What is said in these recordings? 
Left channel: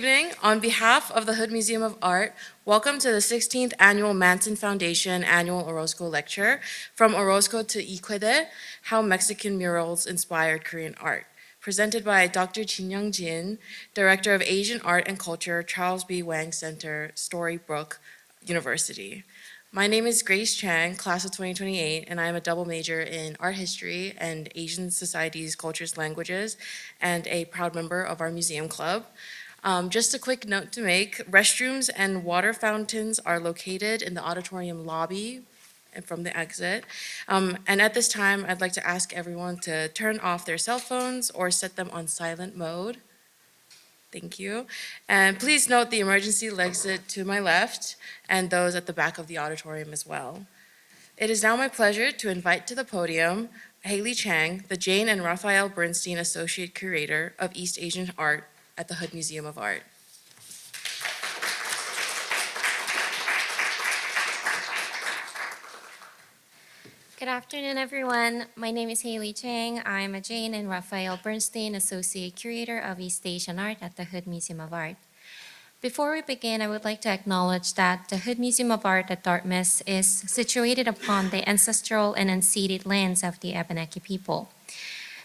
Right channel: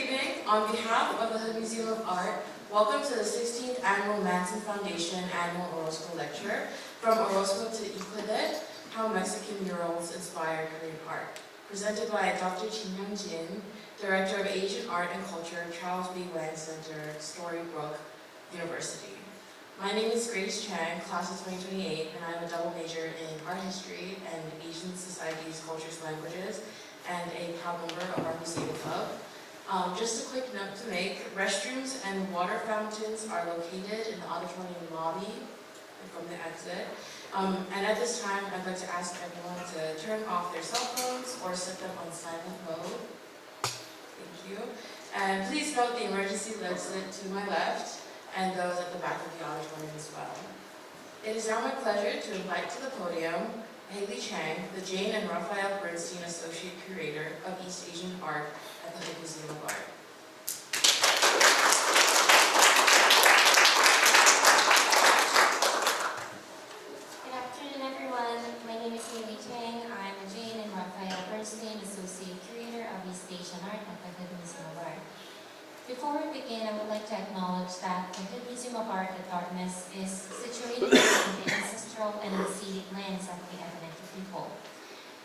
evening. On behalf of the Hood Museum of Art, welcome to the 16th Annual MANTON Foundation Annual Orozco Lecture, From Orozco to Qoede, How Mexican Murals Inspired Korean Art, presented by Dr. Jinyoung A, Director of Asian Art and Culture, Charles B. Wang Center, Stony Brook University. My name is Grace Chang, class of 2028, and I am a double major in art history and Asian societies, cultures, languages, and a proud member of our museum club. Just a quick note to make, restrooms and water fountains are located in the auditorium lobby and from the exit. And at this time, I'd like to ask everyone to turn off their cell phones or set them on silent mode. Thank you. And please note the emergency exit to my left and those at the back of the auditorium as well. It is now my pleasure to invite to the podium Haley Chang, the Jane and Raphael Bernstein Associate Curator of East Asian Art at the Hood Museum of Art. Good afternoon, everyone. My name is Haley Chang. I am a Jane and Raphael Bernstein Associate Curator of East Asian Art at the Hood Museum of Art. Before we begin, I would like to acknowledge that the Hood Museum of Art at Dartmouth is situated upon the ancestral and unceded lands of the Abenaki people.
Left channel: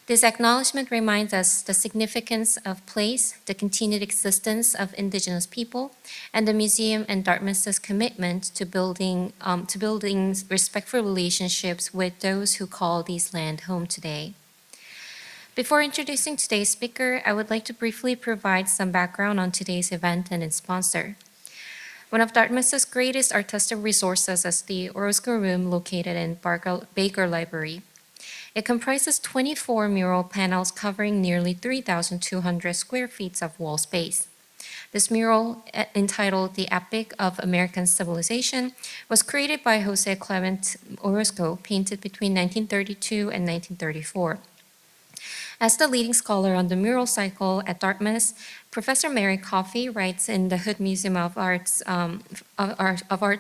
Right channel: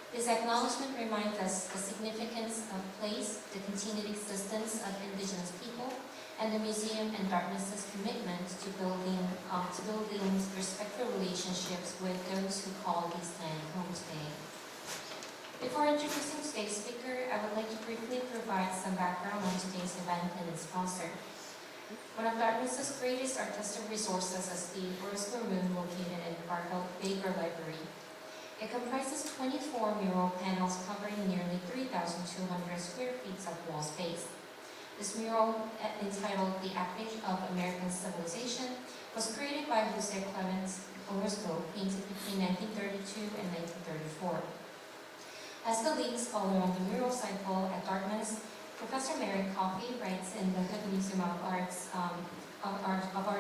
This acknowledgement reminds us the significance of place, the continued existence of indigenous people, and the museum and Dartmouth's commitment to building respectful relationships with those who call these land home today. Before introducing today's speaker, I would like to briefly provide some background on today's event and its sponsor. One of Dartmouth's greatest artistic resources is the Orozco Room located in Baker Library. It comprises 24 mural panels covering nearly 3,200 square feet of wall space. This mural, entitled The Epic of American Civilization, was created by José Clemente Orozco, painted between 1932 and 1934. As the leading scholar on the mural cycle at Dartmouth, Professor Mary Coffey writes in the Hood Museum of Art's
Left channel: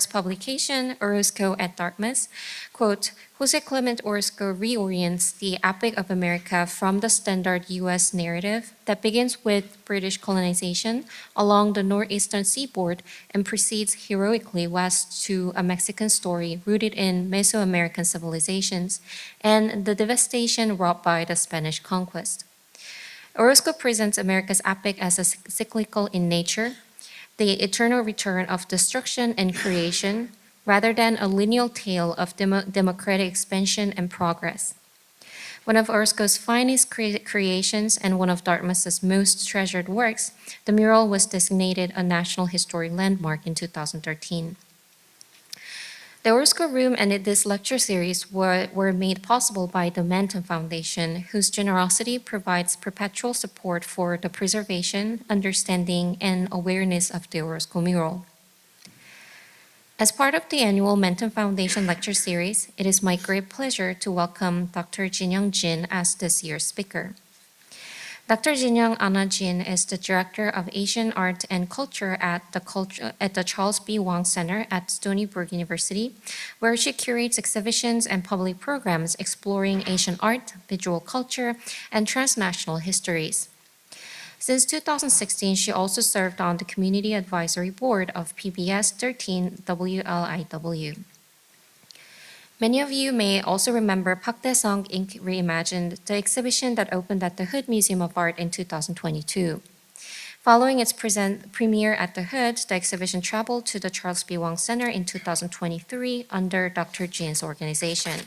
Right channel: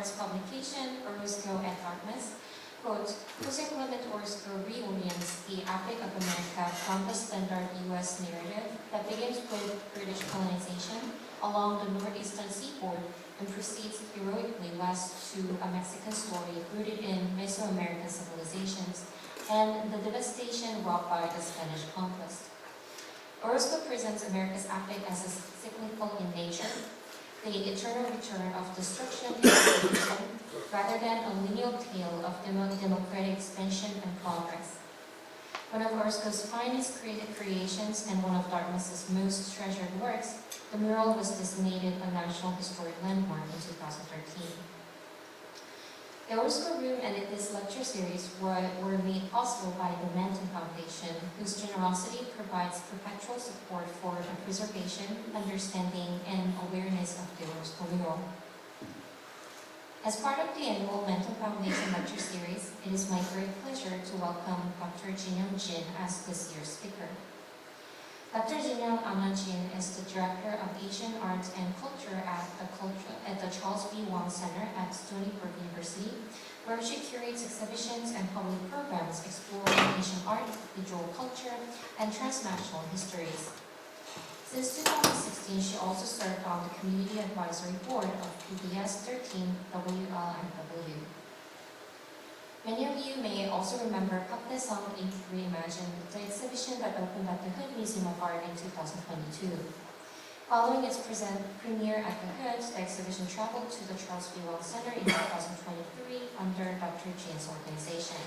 publication, Orozco at Dartmouth, quote, José Clemente Orozco reorients the Epic of America from the standard U.S. narrative that begins with British colonization along the northeastern seaboard and proceeds heroically west to a Mexican story rooted in Mesoamerican civilizations and the devastation wrought by the Spanish conquest. Orozco presents America's epic as a cyclical in nature, the eternal return of destruction and creation, rather than a lineal tale of democratic expansion and progress. One of Orozco's finest creations and one of Dartmouth's most treasured works, the mural was designated a National Historic Landmark in 2013. The Orozco Room and this lecture series were made possible by the MANTON Foundation, whose generosity provides perpetual support for the preservation, understanding, and awareness of the Orozco mural. As part of the annual MANTON Foundation lecture series, it is my great pleasure to welcome Dr. Jinyoung A as this year's speaker. Dr. Jinyoung A is the Director of Asian Art and Culture at the Charles B. Wang Center at Stony Brook University, where she curates exhibitions and public programs exploring Asian art, visual culture, and transnational histories. Since 2016, she also served on the Community Advisory Board of PBS 13 WLIW. Many of you may also remember Pak Dae-sung Inc. Reimagined, the exhibition that opened at the Hood Museum of Art in 2022. Following its premiere at the Hood, the exhibition traveled to the Charles B. Wang Center in 2023 under Dr. Jin's organization.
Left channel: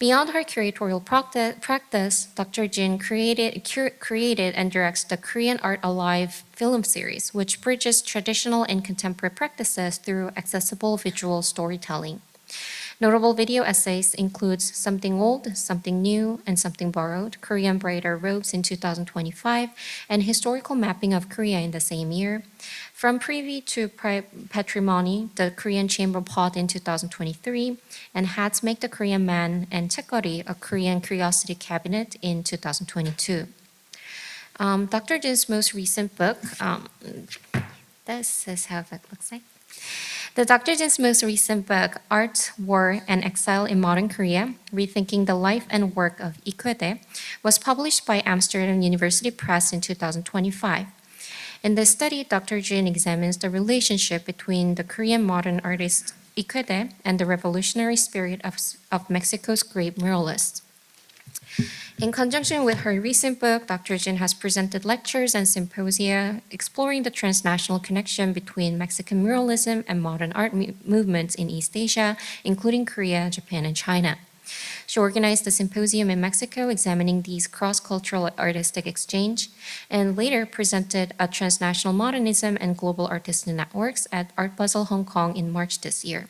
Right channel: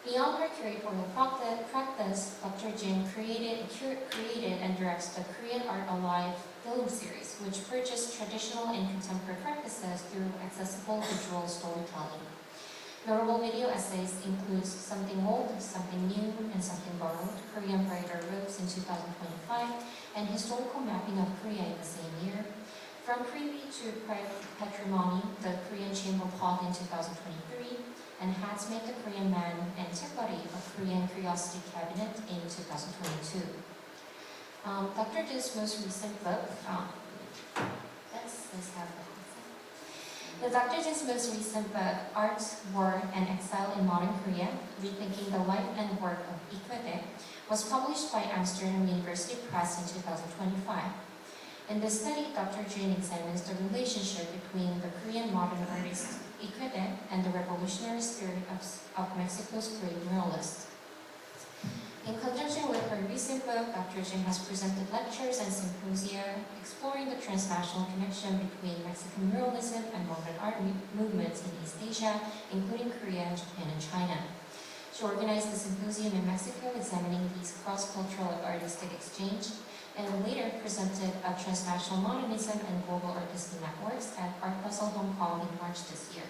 Beyond her curatorial practice, Dr. Jin created and directs the Korean Art Alive film series, which bridges traditional and contemporary practices through accessible visual storytelling. Notable video essays include Something Old, Something New, and Something Borrowed, Korean Brighter Robes in 2025, and historical mapping of Korea in the same year. From Privy to Patrimony, the Korean Chamber Pot in 2023, and Hats Make the Korean Man, and Chekori, a Korean Curiosity Cabinet in 2022. Dr. Jin's most recent book, this is how it looks like. Dr. Jin's most recent book, Art, War, and Exile in Modern Korea, Rethinking the Life and Work of Qoede, was published by Amsterdam University Press in 2025. In this study, Dr. Jin examines the relationship between the Korean modern artist Qoede and the revolutionary spirit of Mexico's great muralists. In conjunction with her recent book, Dr. Jin has presented lectures and symposia exploring the transnational connection between Mexican muralism and modern art movements in East Asia, including Korea, Japan, and China. She organized a symposium in Mexico examining these cross-cultural artistic exchange, and later presented a transnational modernism and global artist networks at Art Basel Hong Kong in March this year.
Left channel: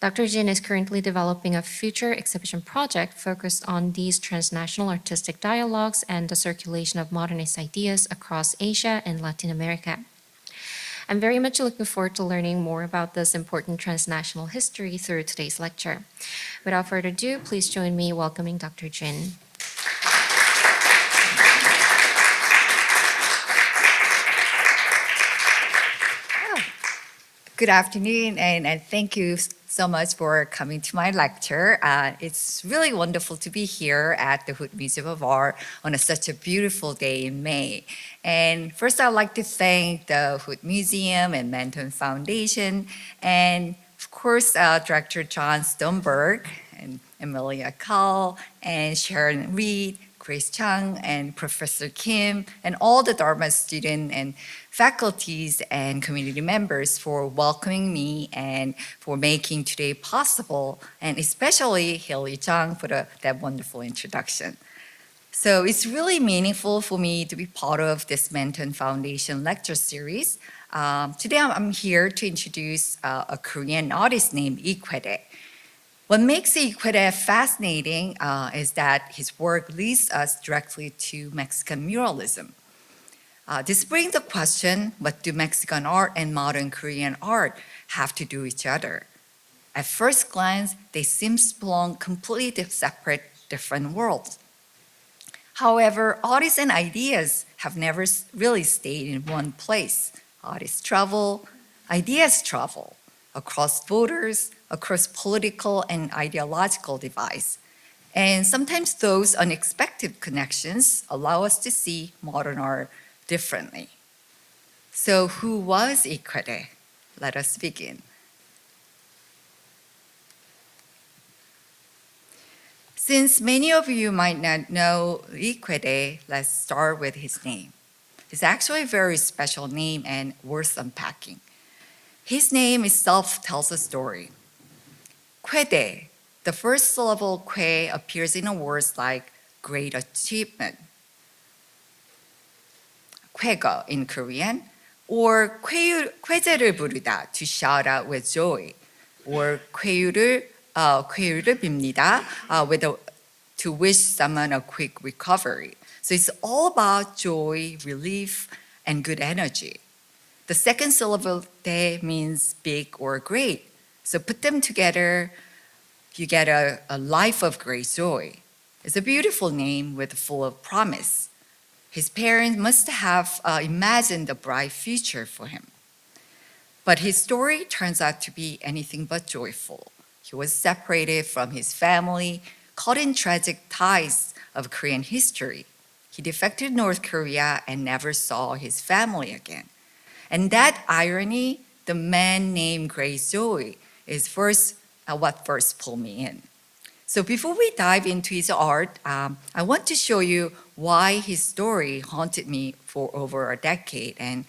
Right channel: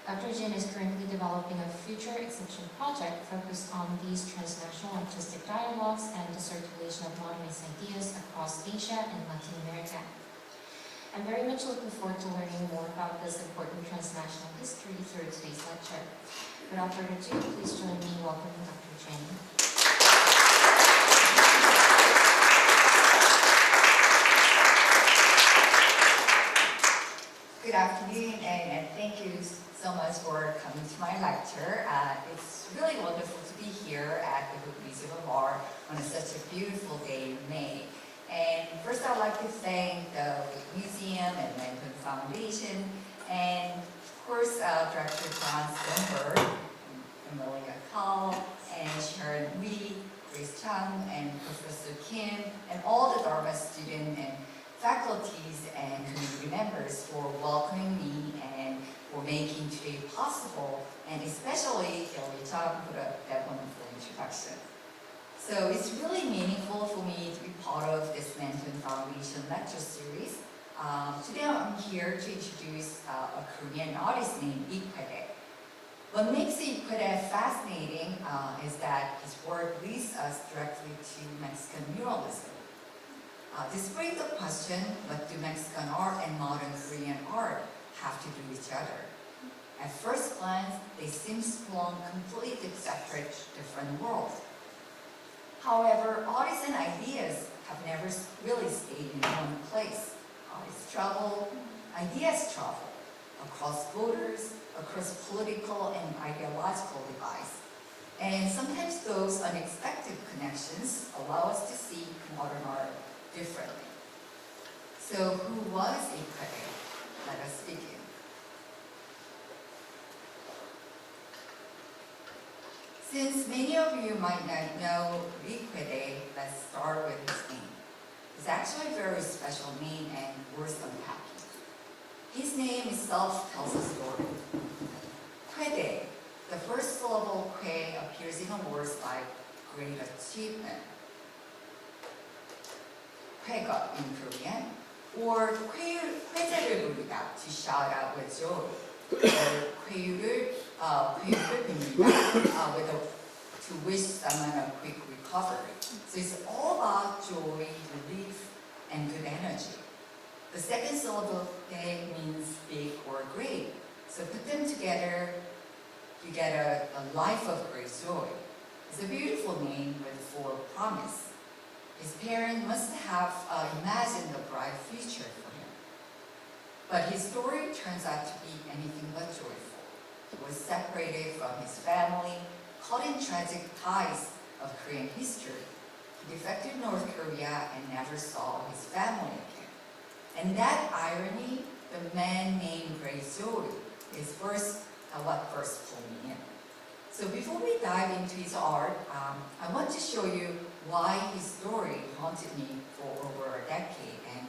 Dr. Jin is currently developing a future exhibition project focused on these transnational artistic dialogues and the circulation of modernist ideas across Asia and Latin America. I'm very much looking forward to learning more about this important transnational history through today's lecture. Without further ado, please join me in welcoming Dr. Jin. Good afternoon, and thank you so much for coming to my lecture. It's really wonderful to be here at the Hood Museum of Art on such a beautiful day in May. And first, I'd like to thank the Hood Museum and MANTON Foundation, and of course, Director John Stoneberg, and Amelia Call, and Sharon Reed, Grace Chung, and Professor Kim, and all the Dharma students and faculties and community members for welcoming me and for making today possible, and especially Haley Chung for that wonderful introduction. So it's really meaningful for me to be part of this MANTON Foundation lecture series. Today I'm here to introduce a Korean artist named Qoede. What makes Qoede fascinating is that his work leads us directly to Mexican muralism. This brings the question, what do Mexican art and modern Korean art have to do with each other? At first glance, they seem to belong completely separate, different worlds. However, artists and ideas have never really stayed in one place. Artists travel, ideas travel across borders, across political and ideological divides. And sometimes those unexpected connections allow us to see modern art differently. So who was Qoede? Let us begin. Since many of you might not know Qoede, let's start with his name. It's actually a very special name and worth unpacking. His name itself tells a story. Qoede, the first syllable que appears in words like great achievement, 쾌거 in Korean, or 쾌제를 부르다, to shout out with joy, or 쾌유를 빕니다, to wish someone a quick recovery. So it's all about joy, relief, and good energy. The second syllable 대 means big or great. So put them together, you get a life of great joy. It's a beautiful name with full of promise. His parents must have imagined a bright future for him. But his story turns out to be anything but joyful. He was separated from his family, caught in tragic ties of Korean history. He defected to North Korea and never saw his family again. And that irony, the man named Grace Joy, is what first pulled me in. So before we dive into his art, I want to show you why his story haunted me for over a decade. And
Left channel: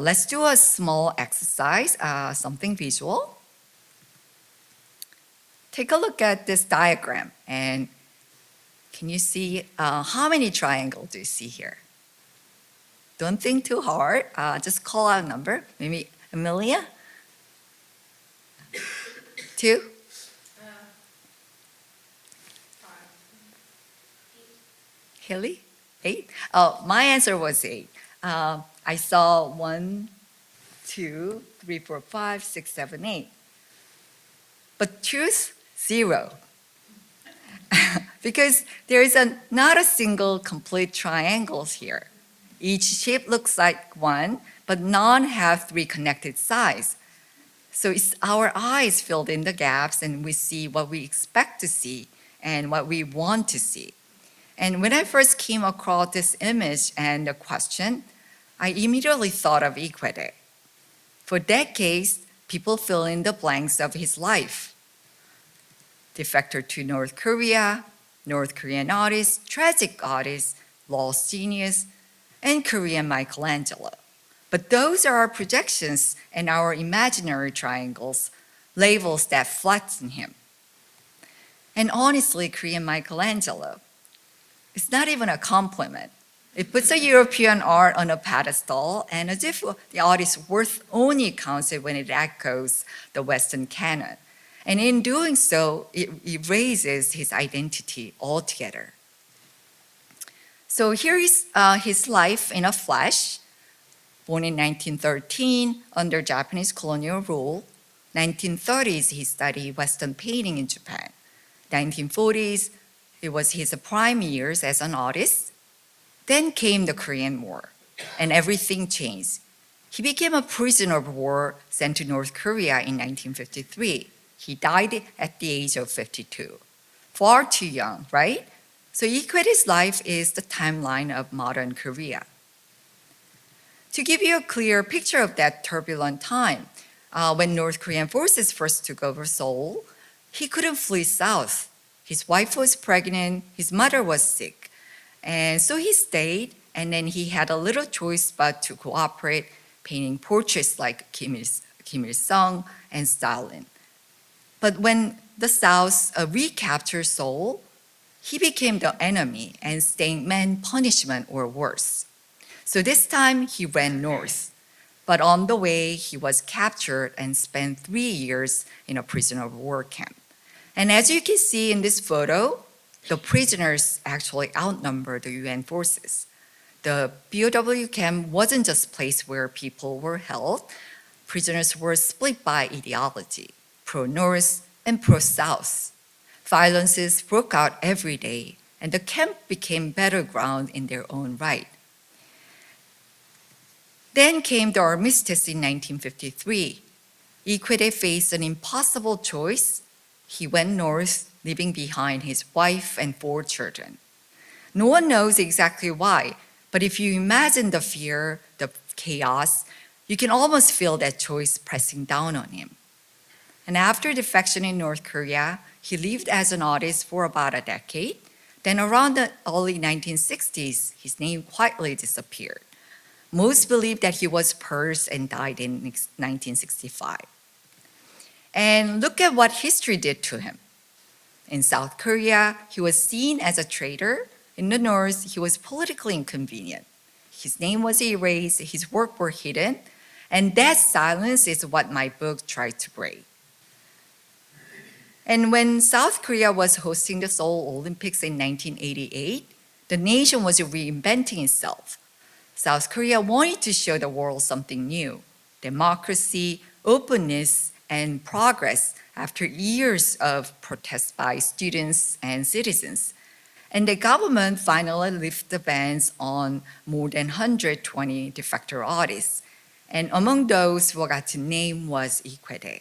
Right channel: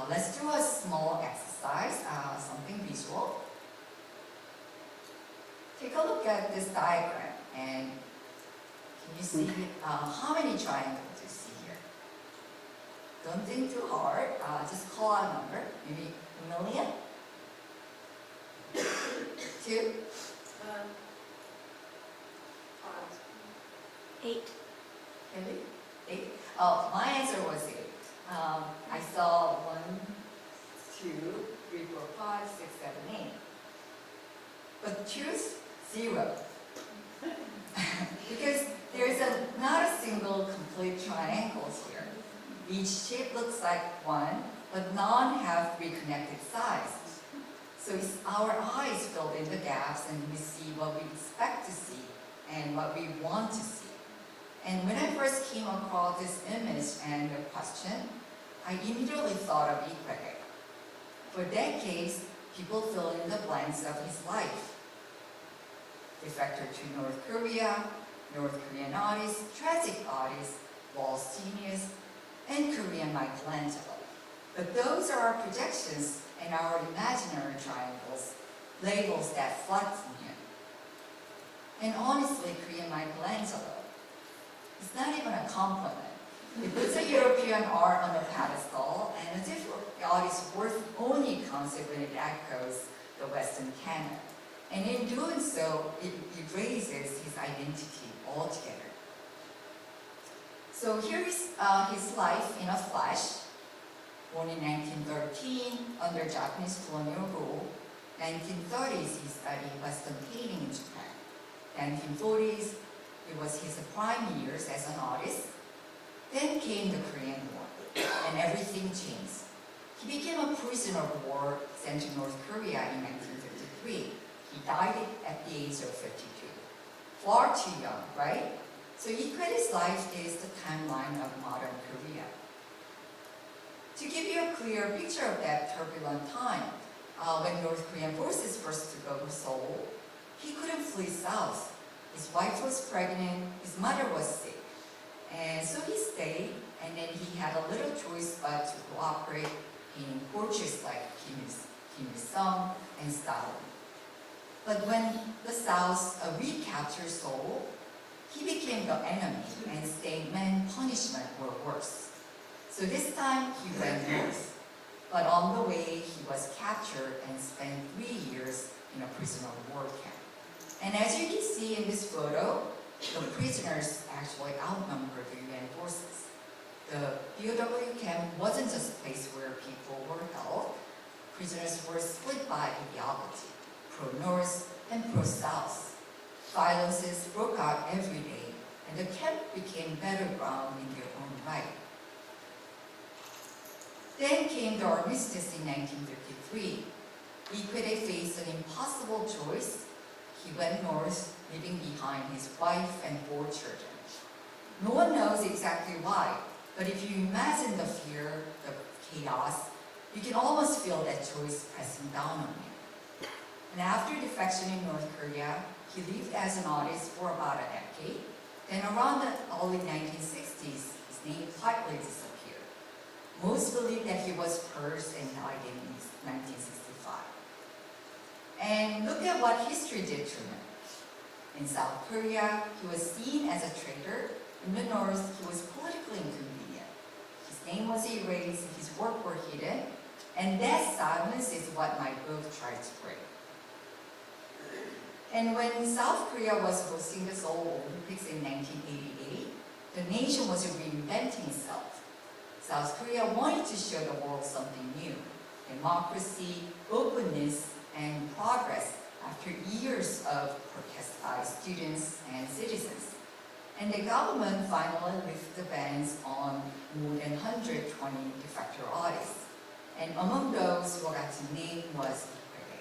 let's do a small exercise, something visual. Take a look at this diagram, and can you see how many triangles do you see here? Don't think too hard, just call out a number. Maybe Amelia? 2? 8. Haley? 8? My answer was 8. I saw 1, 2, 3, 4, 5, 6, 7, 8. But truth, 0. Because there is not a single complete triangle here. Each shape looks like one, but none have 3 connected sides. So it's our eyes filled in the gaps, and we see what we expect to see and what we want to see. And when I first came across this image and the question, I immediately thought of Qoede. For decades, people fill in the blanks of his life. Defector to North Korea, North Korean artist, tragic artist, lost genius, and Korean Michelangelo. But those are our projections and our imaginary triangles, labels that flatten him. And honestly, Korean Michelangelo, it's not even a compliment. It puts a European art on a pedestal, and as if the artist's worth only counts it when it echoes the Western canon. And in doing so, it erases his identity altogether. So here is his life in a flash. Born in 1913 under Japanese colonial rule. 1930s, he studied Western painting in Japan. 1940s, it was his prime years as an artist. Then came the Korean War, and everything changed. He became a prisoner of war sent to North Korea in 1953. He died at the age of 52. Far too young, right? So Qoede's life is the timeline of modern Korea. To give you a clear picture of that turbulent time, when North Korean forces first took over Seoul, he couldn't flee south. His wife was pregnant, his mother was sick. And so he stayed, and then he had a little choice but to cooperate, painting portraits like Kim Il-sung and Stalin. But when the South recaptured Seoul, he became the enemy and staying meant punishment or worse. So this time he ran north, but on the way he was captured and spent 3 years in a prisoner of war camp. And as you can see in this photo, the prisoners actually outnumbered the UN forces. The BOW camp wasn't just a place where people were held. Prisoners were split by ideology, pro-North and pro-South. Violences broke out every day, and the camp became battleground in their own right. Then came the armistice in 1953. Qoede faced an impossible choice. He went north, leaving behind his wife and 4 children. No one knows exactly why, but if you imagine the fear, the chaos, you can almost feel that choice pressing down on him. And after defection in North Korea, he lived as an artist for about a decade. Then around the early 1960s, his name quietly disappeared. Most believe that he was purged and died in 1965. And look at what history did to him. In South Korea, he was seen as a traitor. In the North, he was politically inconvenient. His name was erased, his work were hidden, and that silence is what my book tried to break. And when South Korea was hosting the Seoul Olympics in 1988, the nation was reinventing itself. South Korea wanted to show the world something new, democracy, openness, and progress after years of protests by students and citizens. And the government finally lifted the bans on more than 120 defector artists. And among those who got to name was Qoede.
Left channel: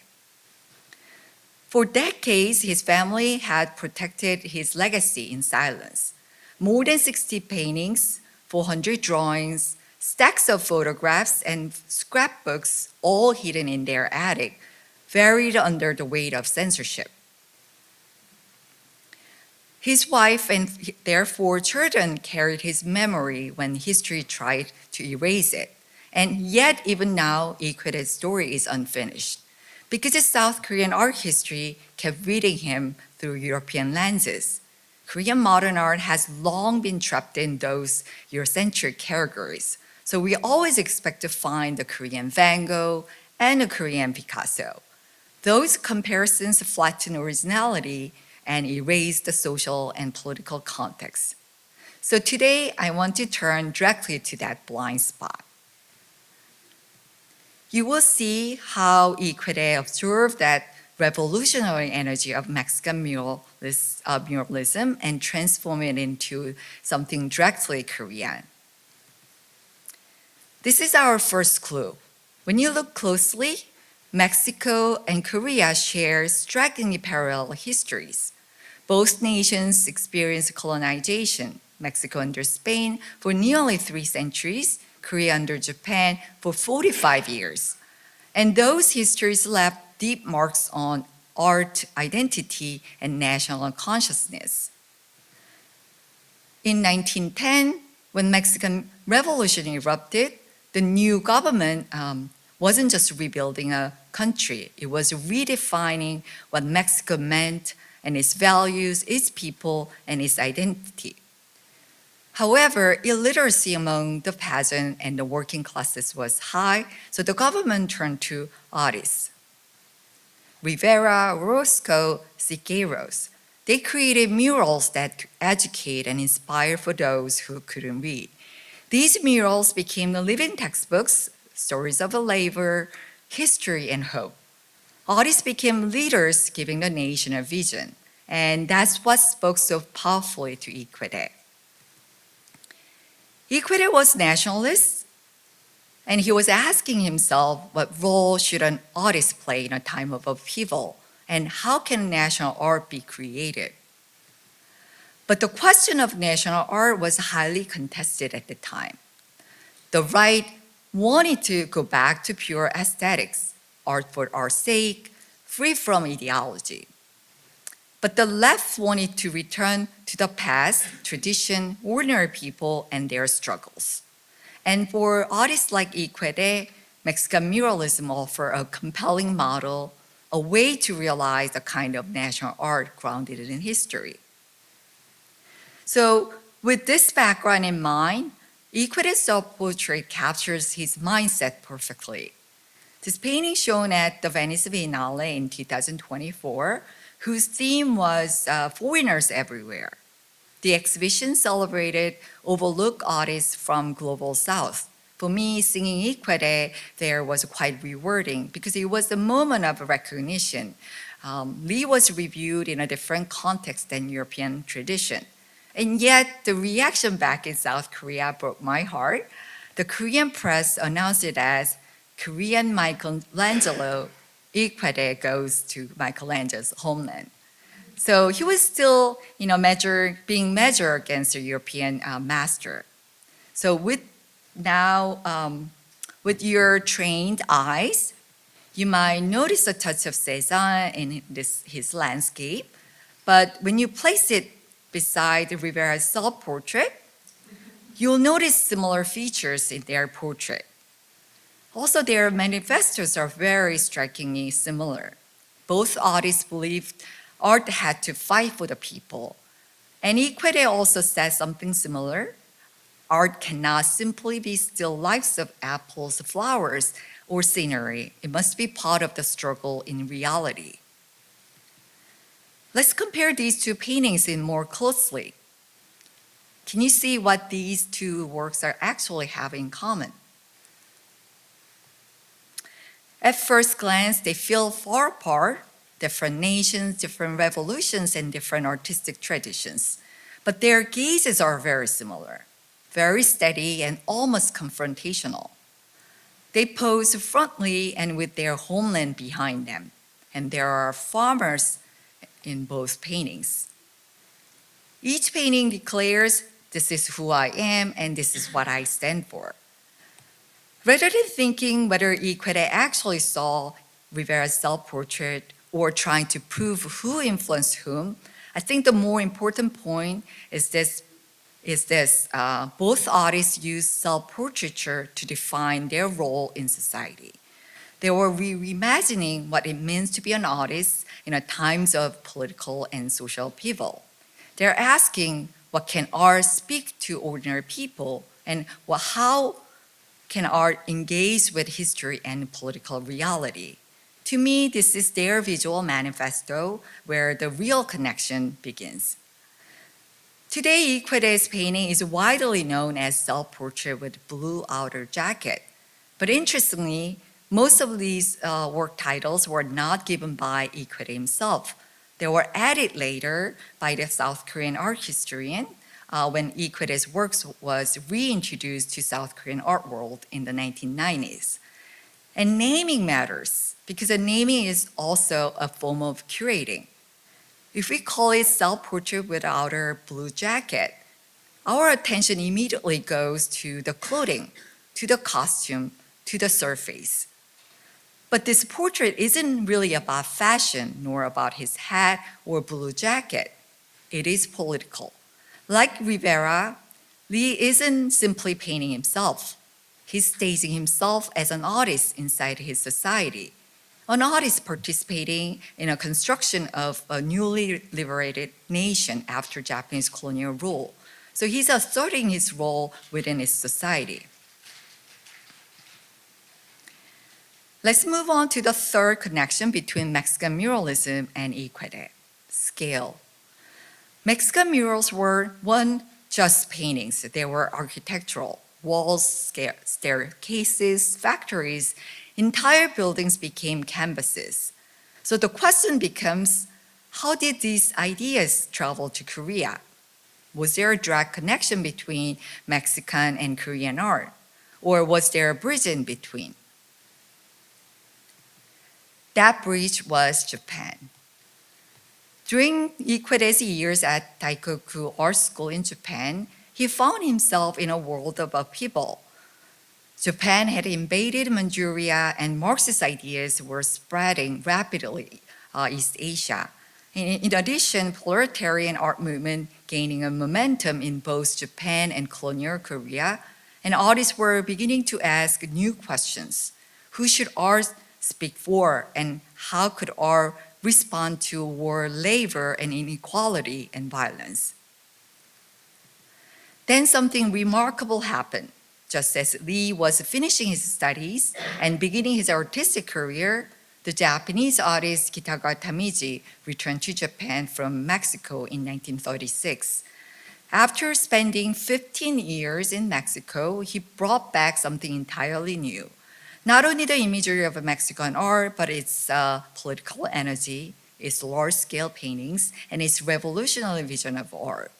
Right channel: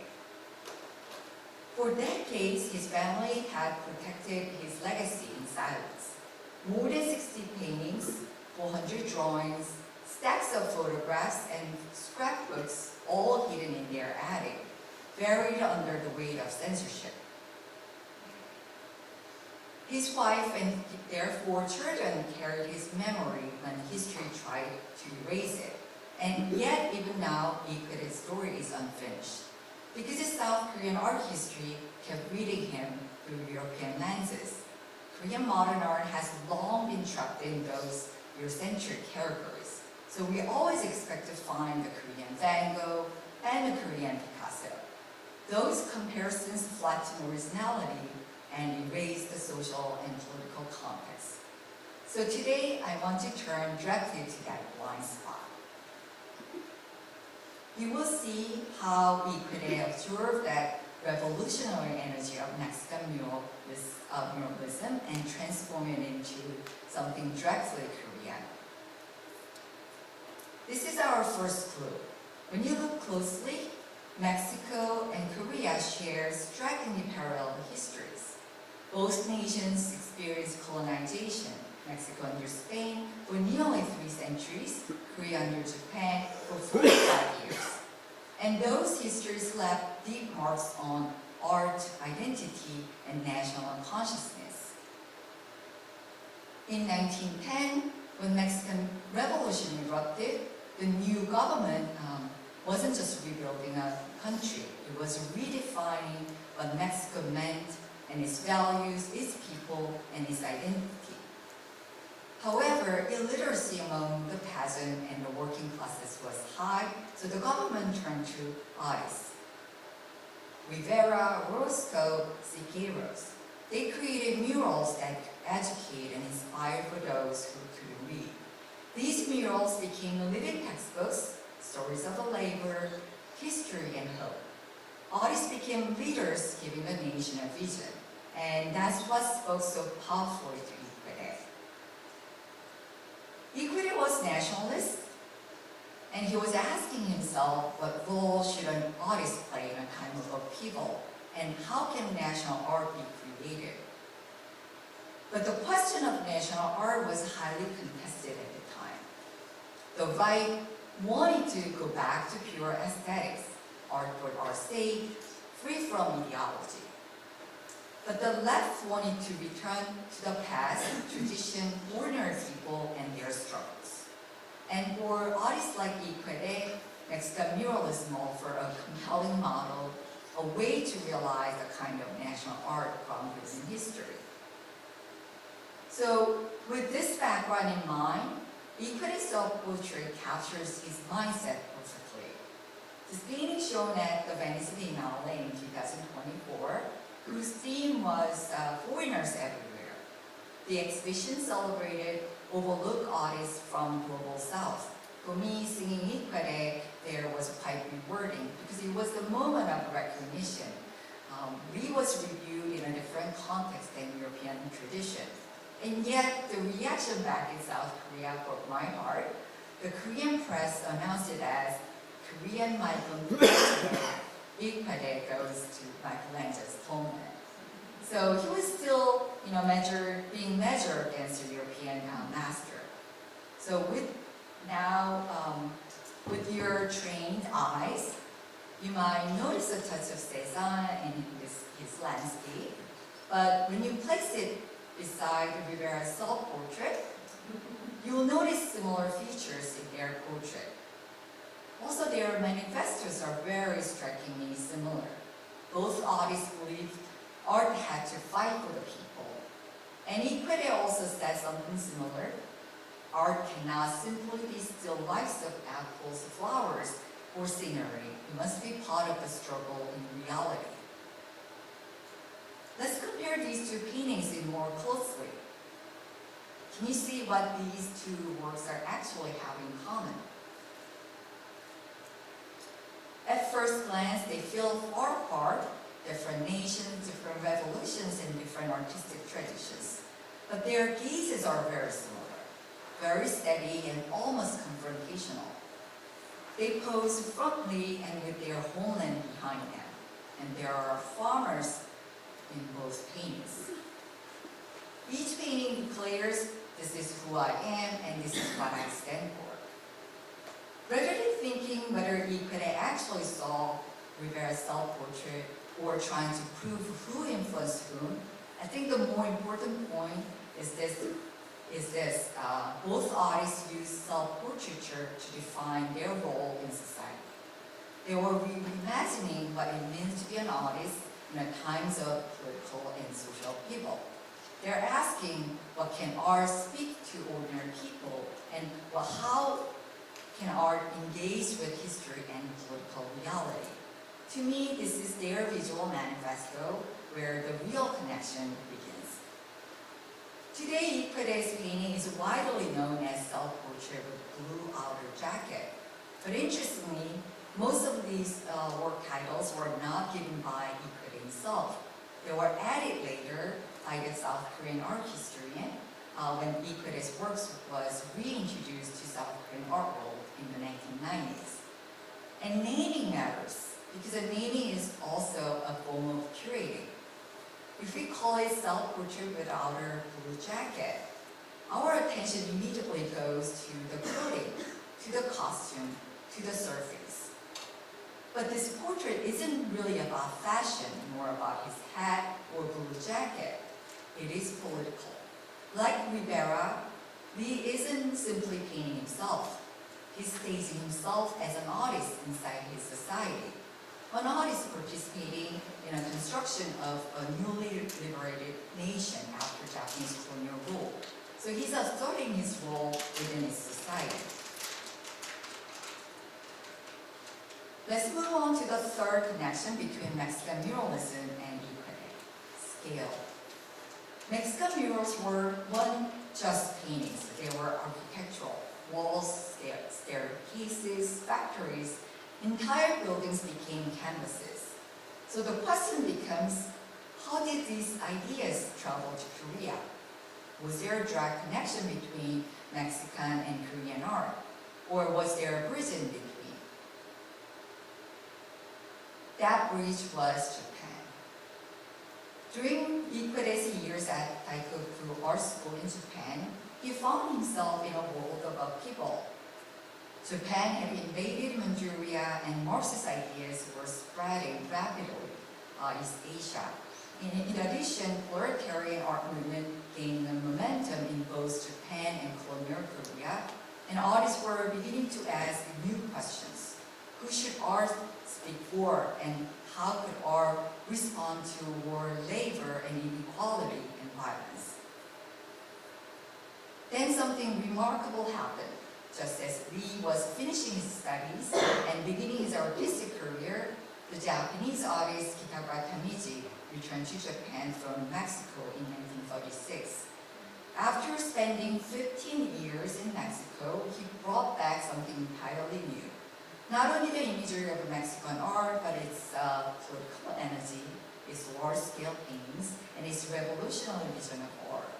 For decades, his family had protected his legacy in silence. More than 60 paintings, 400 drawings, stacks of photographs, and scrapbooks, all hidden in their attic, buried under the weight of censorship. His wife and their 4 children carried his memory when history tried to erase it. And yet, even now, Qoede's story is unfinished, because his South Korean art history kept reading him through European lenses. Korean modern art has long been trapped in those Eurocentric categories, so we always expect to find the Korean Van Gogh and the Korean Picasso. Those comparisons flatten originality and erase the social and political context. So today, I want to turn directly to that blind spot. You will see how Qoede observed that revolutionary energy of Mexican muralism and transform it into something directly Korean. This is our first clue. When you look closely, Mexico and Korea share strikingly parallel histories. Both nations experienced colonization, Mexico under Spain for nearly 3 centuries, Korea under Japan for 45 years. And those histories left deep marks on art identity and national consciousness. In 1910, when Mexican Revolution erupted, the new government wasn't just rebuilding a country, it was redefining what Mexico meant and its values, its people, and its identity. However, illiteracy among the peasant and the working classes was high, so the government turned to artists. Rivera, Orozco, Siqueiros. They created murals that educate and inspire for those who couldn't read. These murals became the living textbooks, stories of labor, history, and hope. Artists became leaders, giving the nation a vision, and that's what spoke so powerfully to Qoede. Qoede was nationalist, and he was asking himself what role should an artist play in a time of upheaval, and how can national art be created? But the question of national art was highly contested at the time. The right wanted to go back to pure aesthetics, art for art's sake, free from ideology. But the left wanted to return to the past, tradition, ordinary people, and their struggles. And for artists like Qoede, Mexican muralism offered a compelling model, a way to realize a kind of national art grounded in history. So with this background in mind, Qoede's self-portrait captures his mindset perfectly. This painting shown at the Venice Biennale in 2024, whose theme was foreigners everywhere. The exhibition celebrated overlooked artists from Global South. For me, singing Qoede there was quite rewarding because it was the moment of recognition. Lee was reviewed in a different context than European tradition. And yet, the reaction back in South Korea broke my heart. The Korean press announced it as Korean Michelangelo, Qoede goes to Michelangelo's homeland. So he was still, being measured against a European master. So with your trained eyes, you might notice a touch of Cézanne in his landscape, but when you place it beside Rivera's self-portrait, you'll notice similar features in their portrait. Also, their manifestos are very strikingly similar. Both artists believed art had to fight for the people. And Qoede also says something similar. Art cannot simply be still lifes of apples, flowers, or scenery. It must be part of the struggle in reality. Let's compare these two paintings in more closely. Can you see what these two works are actually have in common? At first glance, they feel far apart, different nations, different revolutions, and different artistic traditions. But their gazes are very similar, very steady and almost confrontational. They pose frontally and with their homeland behind them, and there are farmers in both paintings. Each painting declares, this is who I am and this is what I stand for. Rather than thinking whether Qoede actually saw Rivera's self-portrait or trying to prove who influenced whom, I think the more important point is this. Both artists used self-portraiture to define their role in society. They were reimagining what it means to be an artist in times of political and social upheaval. They're asking, what can art speak to ordinary people, and how can art engage with history and political reality? To me, this is their visual manifesto where the real connection begins. Today, Qoede's painting is widely known as self-portrait with blue outer jacket. But interestingly, most of these work titles were not given by Qoede himself. They were added later by the South Korean art historian when Qoede's works was reintroduced to South Korean art world in the 1990s. And naming matters because the naming is also a form of curating. If we call it self-portrait with outer blue jacket, our attention immediately goes to the clothing, to the costume, to the surface. But this portrait isn't really about fashion, nor about his hat or blue jacket. It is political. Like Rivera, Lee isn't simply painting himself. He's staging himself as an artist inside his society, an artist participating in a construction of a newly liberated nation after Japanese colonial rule. So he's asserting his role within his society. Let's move on to the third connection between Mexican muralism and Qoede, scale. Mexican murals weren't just paintings, they were architectural. Walls, staircases, factories, entire buildings became canvases. So the question becomes, how did these ideas travel to Korea? Was there a direct connection between Mexican and Korean art? Or was there a bridge in between? That bridge was Japan. During Qoede's years at Daikoku Art School in Japan, he found himself in a world of upheaval. Japan had invaded Manchuria, and Marxist ideas were spreading rapidly East Asia. In addition, proletarian art movement gaining a momentum in both Japan and colonial Korea, and artists were beginning to ask new questions. Who should art speak for, and how could art respond to war, labor, and inequality and violence? Then something remarkable happened. Just as Lee was finishing his studies and beginning his artistic career, the Japanese artist Kitagawa Tamiji returned to Japan from Mexico in 1936. After spending 15 years in Mexico, he brought back something entirely new. Not only the imagery of Mexican art, but its political energy, its large-scale paintings, and its revolutionary vision of art.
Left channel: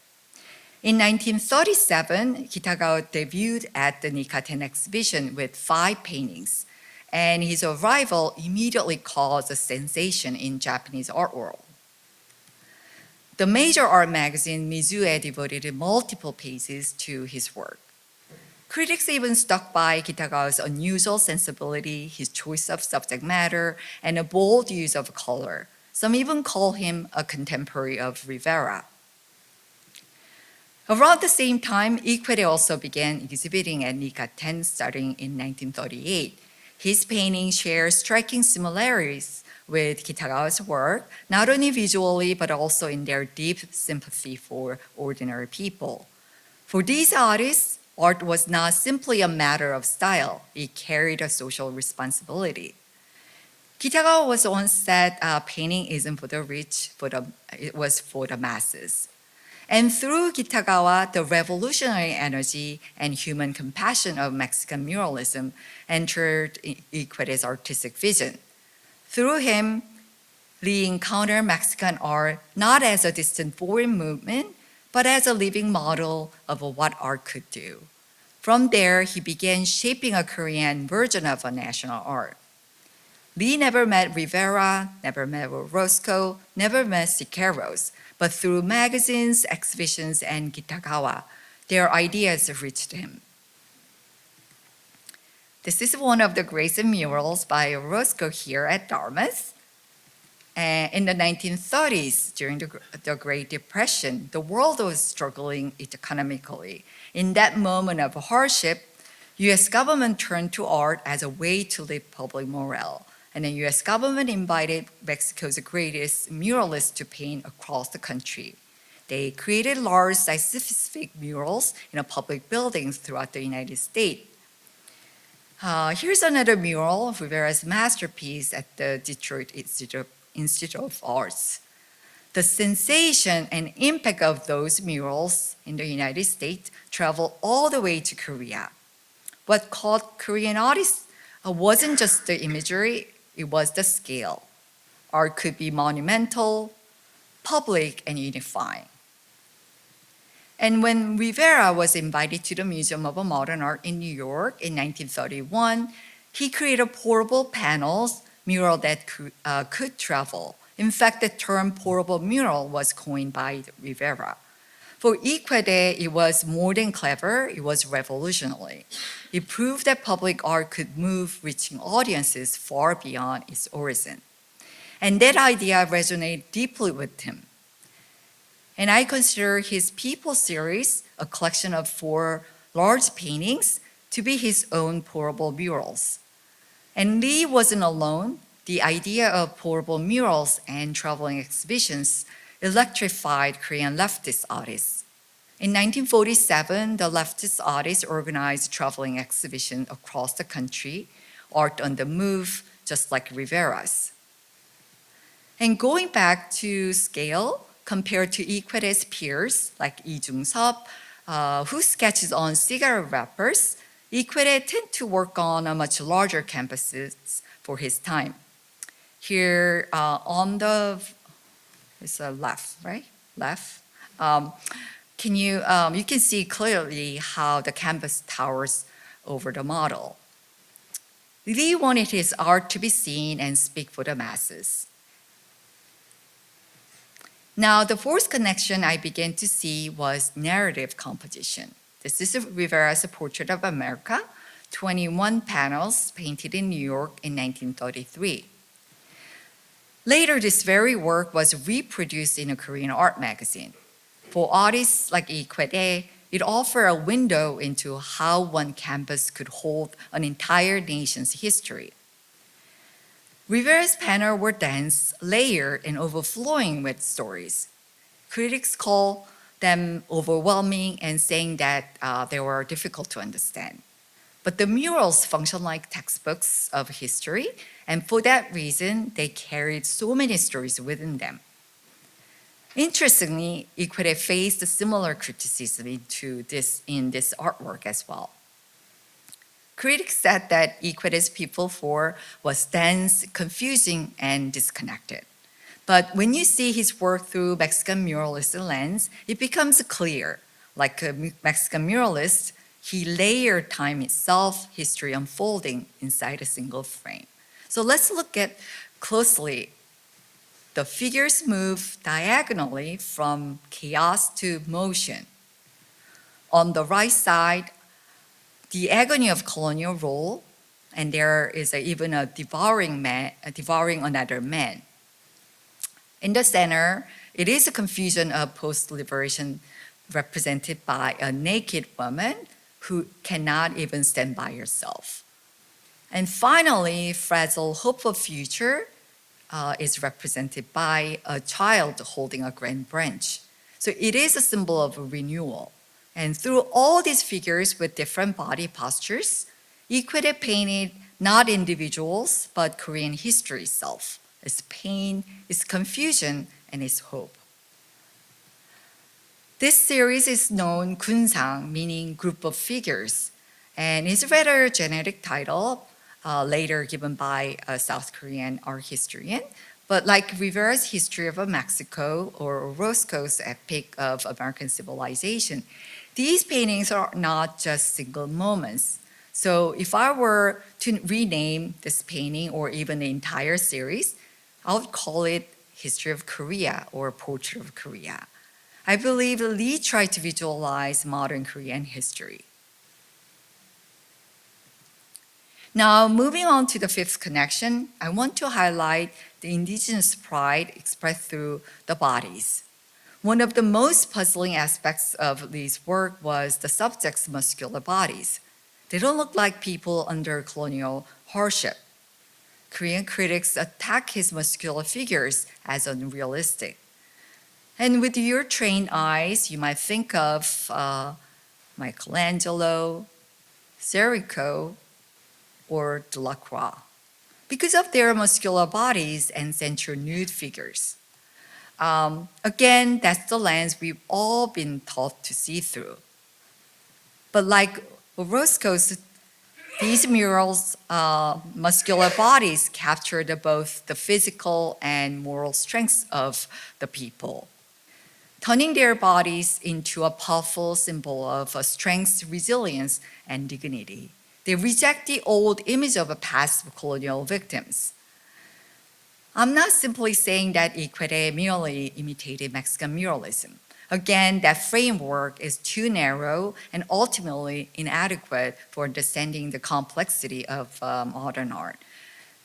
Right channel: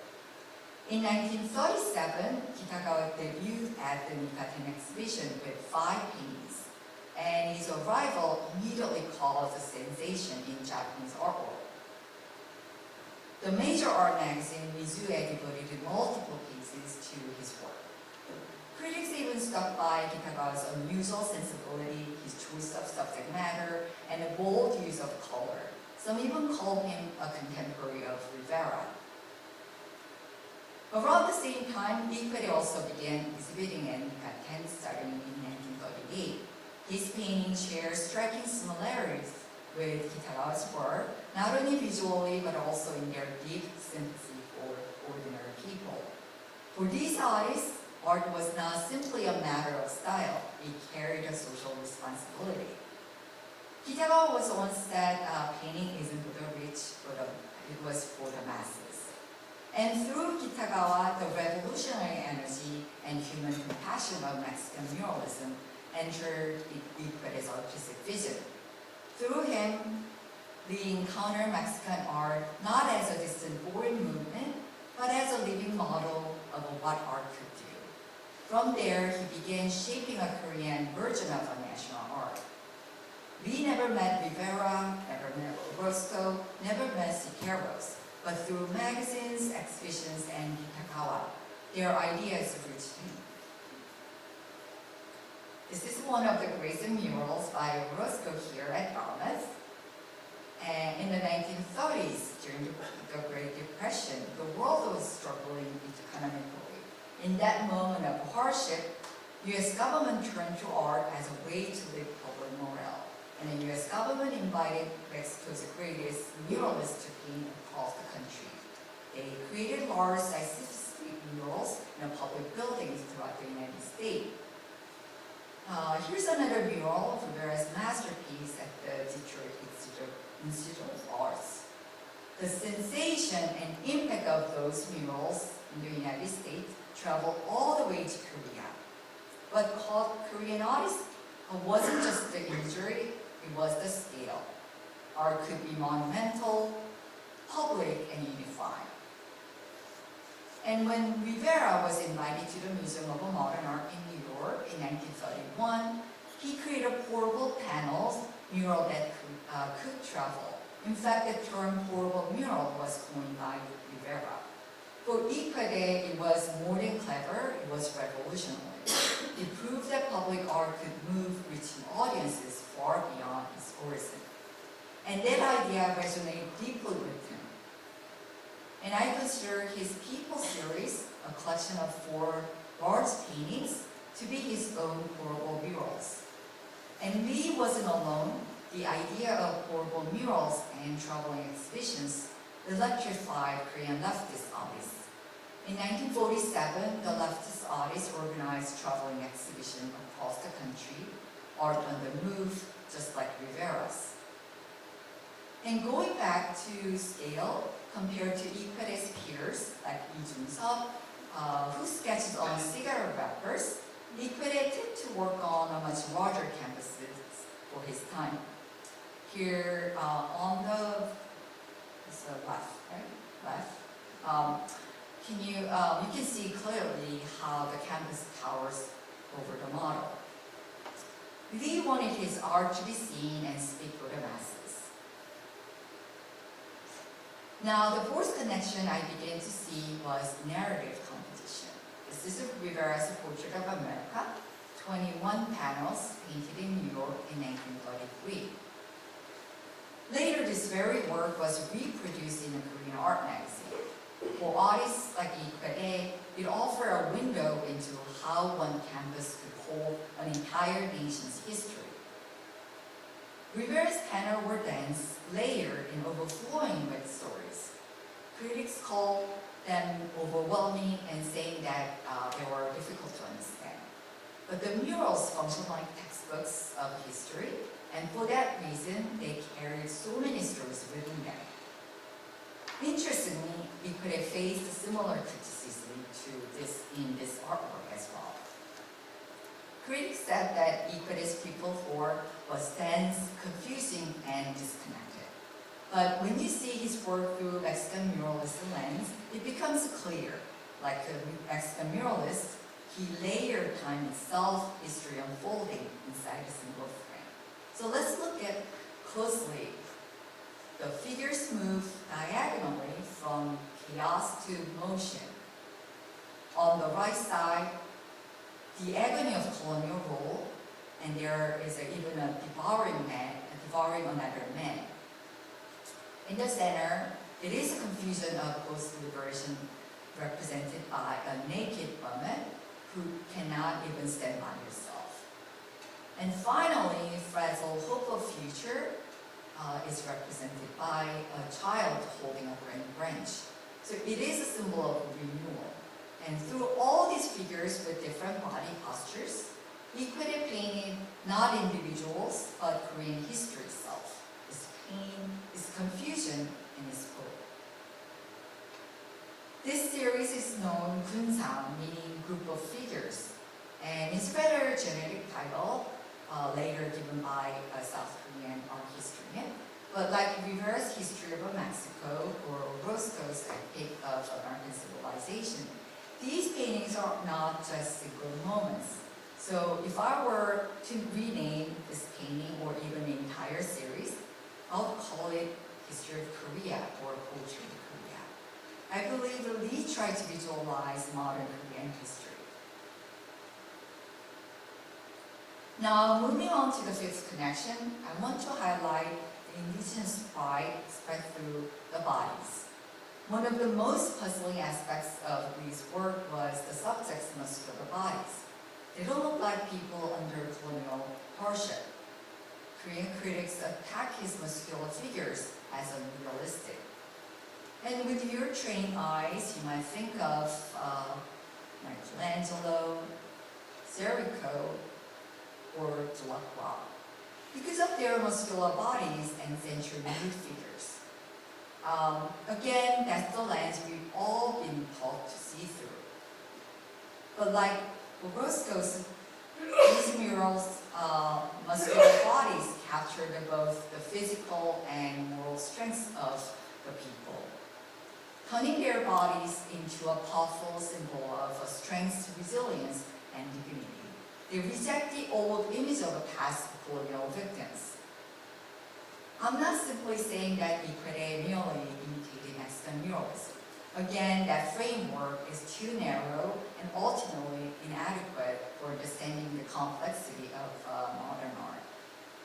In 1937, Kitagawa debuted at the Nikkaten exhibition with 5 paintings, and his arrival immediately caused a sensation in Japanese art world. The major art magazine Mizue devoted multiple pages to his work. Critics even stuck by Kitagawa's unusual sensibility, his choice of subject matter, and a bold use of color. Some even call him a contemporary of Rivera. Around the same time, Qoede also began exhibiting at Nikkaten starting in 1938. His paintings share striking similarities with Kitagawa's work, not only visually, but also in their deep sympathy for ordinary people. For these artists, art was not simply a matter of style, it carried a social responsibility. Kitagawa was once said, painting isn't for the rich, it was for the masses. And through Kitagawa, the revolutionary energy and human compassion of Mexican muralism entered Qoede's artistic vision. Through him, Lee encountered Mexican art not as a distant foreign movement, but as a living model of what art could do. From there, he began shaping a Korean version of a national art. Lee never met Rivera, never met Orozco, never met Siqueiros, but through magazines, exhibitions, and Kitagawa, their ideas reached him. This is one of the greatest murals by Orozco here at Dartmouth. In the 1930s, during the Great Depression, the world was struggling economically. In that moment of hardship, US government turned to art as a way to live public morale. And the US government invited Mexico's greatest muralists to paint across the country. They created large site-specific murals in public buildings throughout the United States. Here's another mural of Rivera's masterpiece at the Detroit Institute of Arts. The sensation and impact of those murals in the United States traveled all the way to Korea. What caught Korean artists wasn't just the imagery, it was the scale. Art could be monumental, public, and unifying. And when Rivera was invited to the Museum of Modern Art in New York in 1931, he created portable panels, mural that could travel. In fact, the term portable mural was coined by Rivera. For Qoede, it was more than clever, it was revolutionary. It proved that public art could move, reaching audiences far beyond its origin. And that idea resonated deeply with him. And I consider his People series, a collection of 4 large paintings, to be his own portable murals. And Lee wasn't alone. The idea of portable murals and traveling exhibitions electrified Korean leftist artists. In 1947, the leftist artists organized traveling exhibition across the country, Art on the Move, just like Rivera's. And going back to scale, compared to Qoede's peers, like Lee Jung-sup, who sketches on cigarette wrappers, Qoede tended to work on a much larger canvases for his time. Here on the it's left, right? Left. You can see clearly how the canvas towers over the model. Lee wanted his art to be seen and speak for the masses. Now, the fourth connection I began to see was narrative composition. This is Rivera's Portrait of America, 21 panels painted in New York in 1933. Later, this very work was reproduced in a Korean art magazine. For artists like Qoede, it offered a window into how one canvas could hold an entire nation's history. Rivera's panels were dense, layered, and overflowing with stories. Critics call them overwhelming and saying that they were difficult to understand. But the murals function like textbooks of history, and for that reason, they carried so many stories within them. Interestingly, Qoede faced a similar criticism in this artwork as well. Critics said that Qoede's People 4 was dense, confusing, and disconnected. But when you see his work through Mexican muralist lens, it becomes clear. Like a Mexican muralist, he layered time itself, history unfolding inside a single frame. So let's look at closely. The figures move diagonally from chaos to motion. On the right side, the agony of colonial rule, and there is even a devouring another man. In the center, it is a confusion of post-liberation represented by a naked woman who cannot even stand by herself. And finally, fragile hope of future is represented by a child holding a grand branch. So it is a symbol of a renewal. And through all these figures with different body postures, Qoede painted not individuals, but Korean history itself, its pain, its confusion, and its hope. This series is known Gunsang, meaning group of figures, and is rather a generic title, later given by a South Korean art historian. But like Rivera's History of Mexico or Orozco's Epic of American Civilization, these paintings are not just single moments. So if I were to rename this painting or even the entire series, I would call it History of Korea or Portrait of Korea. I believe Lee tried to visualize modern Korean history. Now, moving on to the fifth connection, I want to highlight the indigenous pride expressed through the bodies. One of the most puzzling aspects of Lee's work was the subject's muscular bodies. They don't look like people under colonial hardship. Korean critics attack his muscular figures as unrealistic. And with your trained eyes, you might think of Michelangelo, Serico, or Delacroix, because of their muscular bodies and sensual nude figures. Again, that's the lens we've all been taught to see through. But like Orozco's, these murals' muscular bodies captured both the physical and moral strengths of the people, turning their bodies into a powerful symbol of strength, resilience, and dignity. They reject the old image of past colonial victims. I'm not simply saying that Qoede merely imitated Mexican muralism. Again, that framework is too narrow and ultimately inadequate for understanding the complexity of modern art.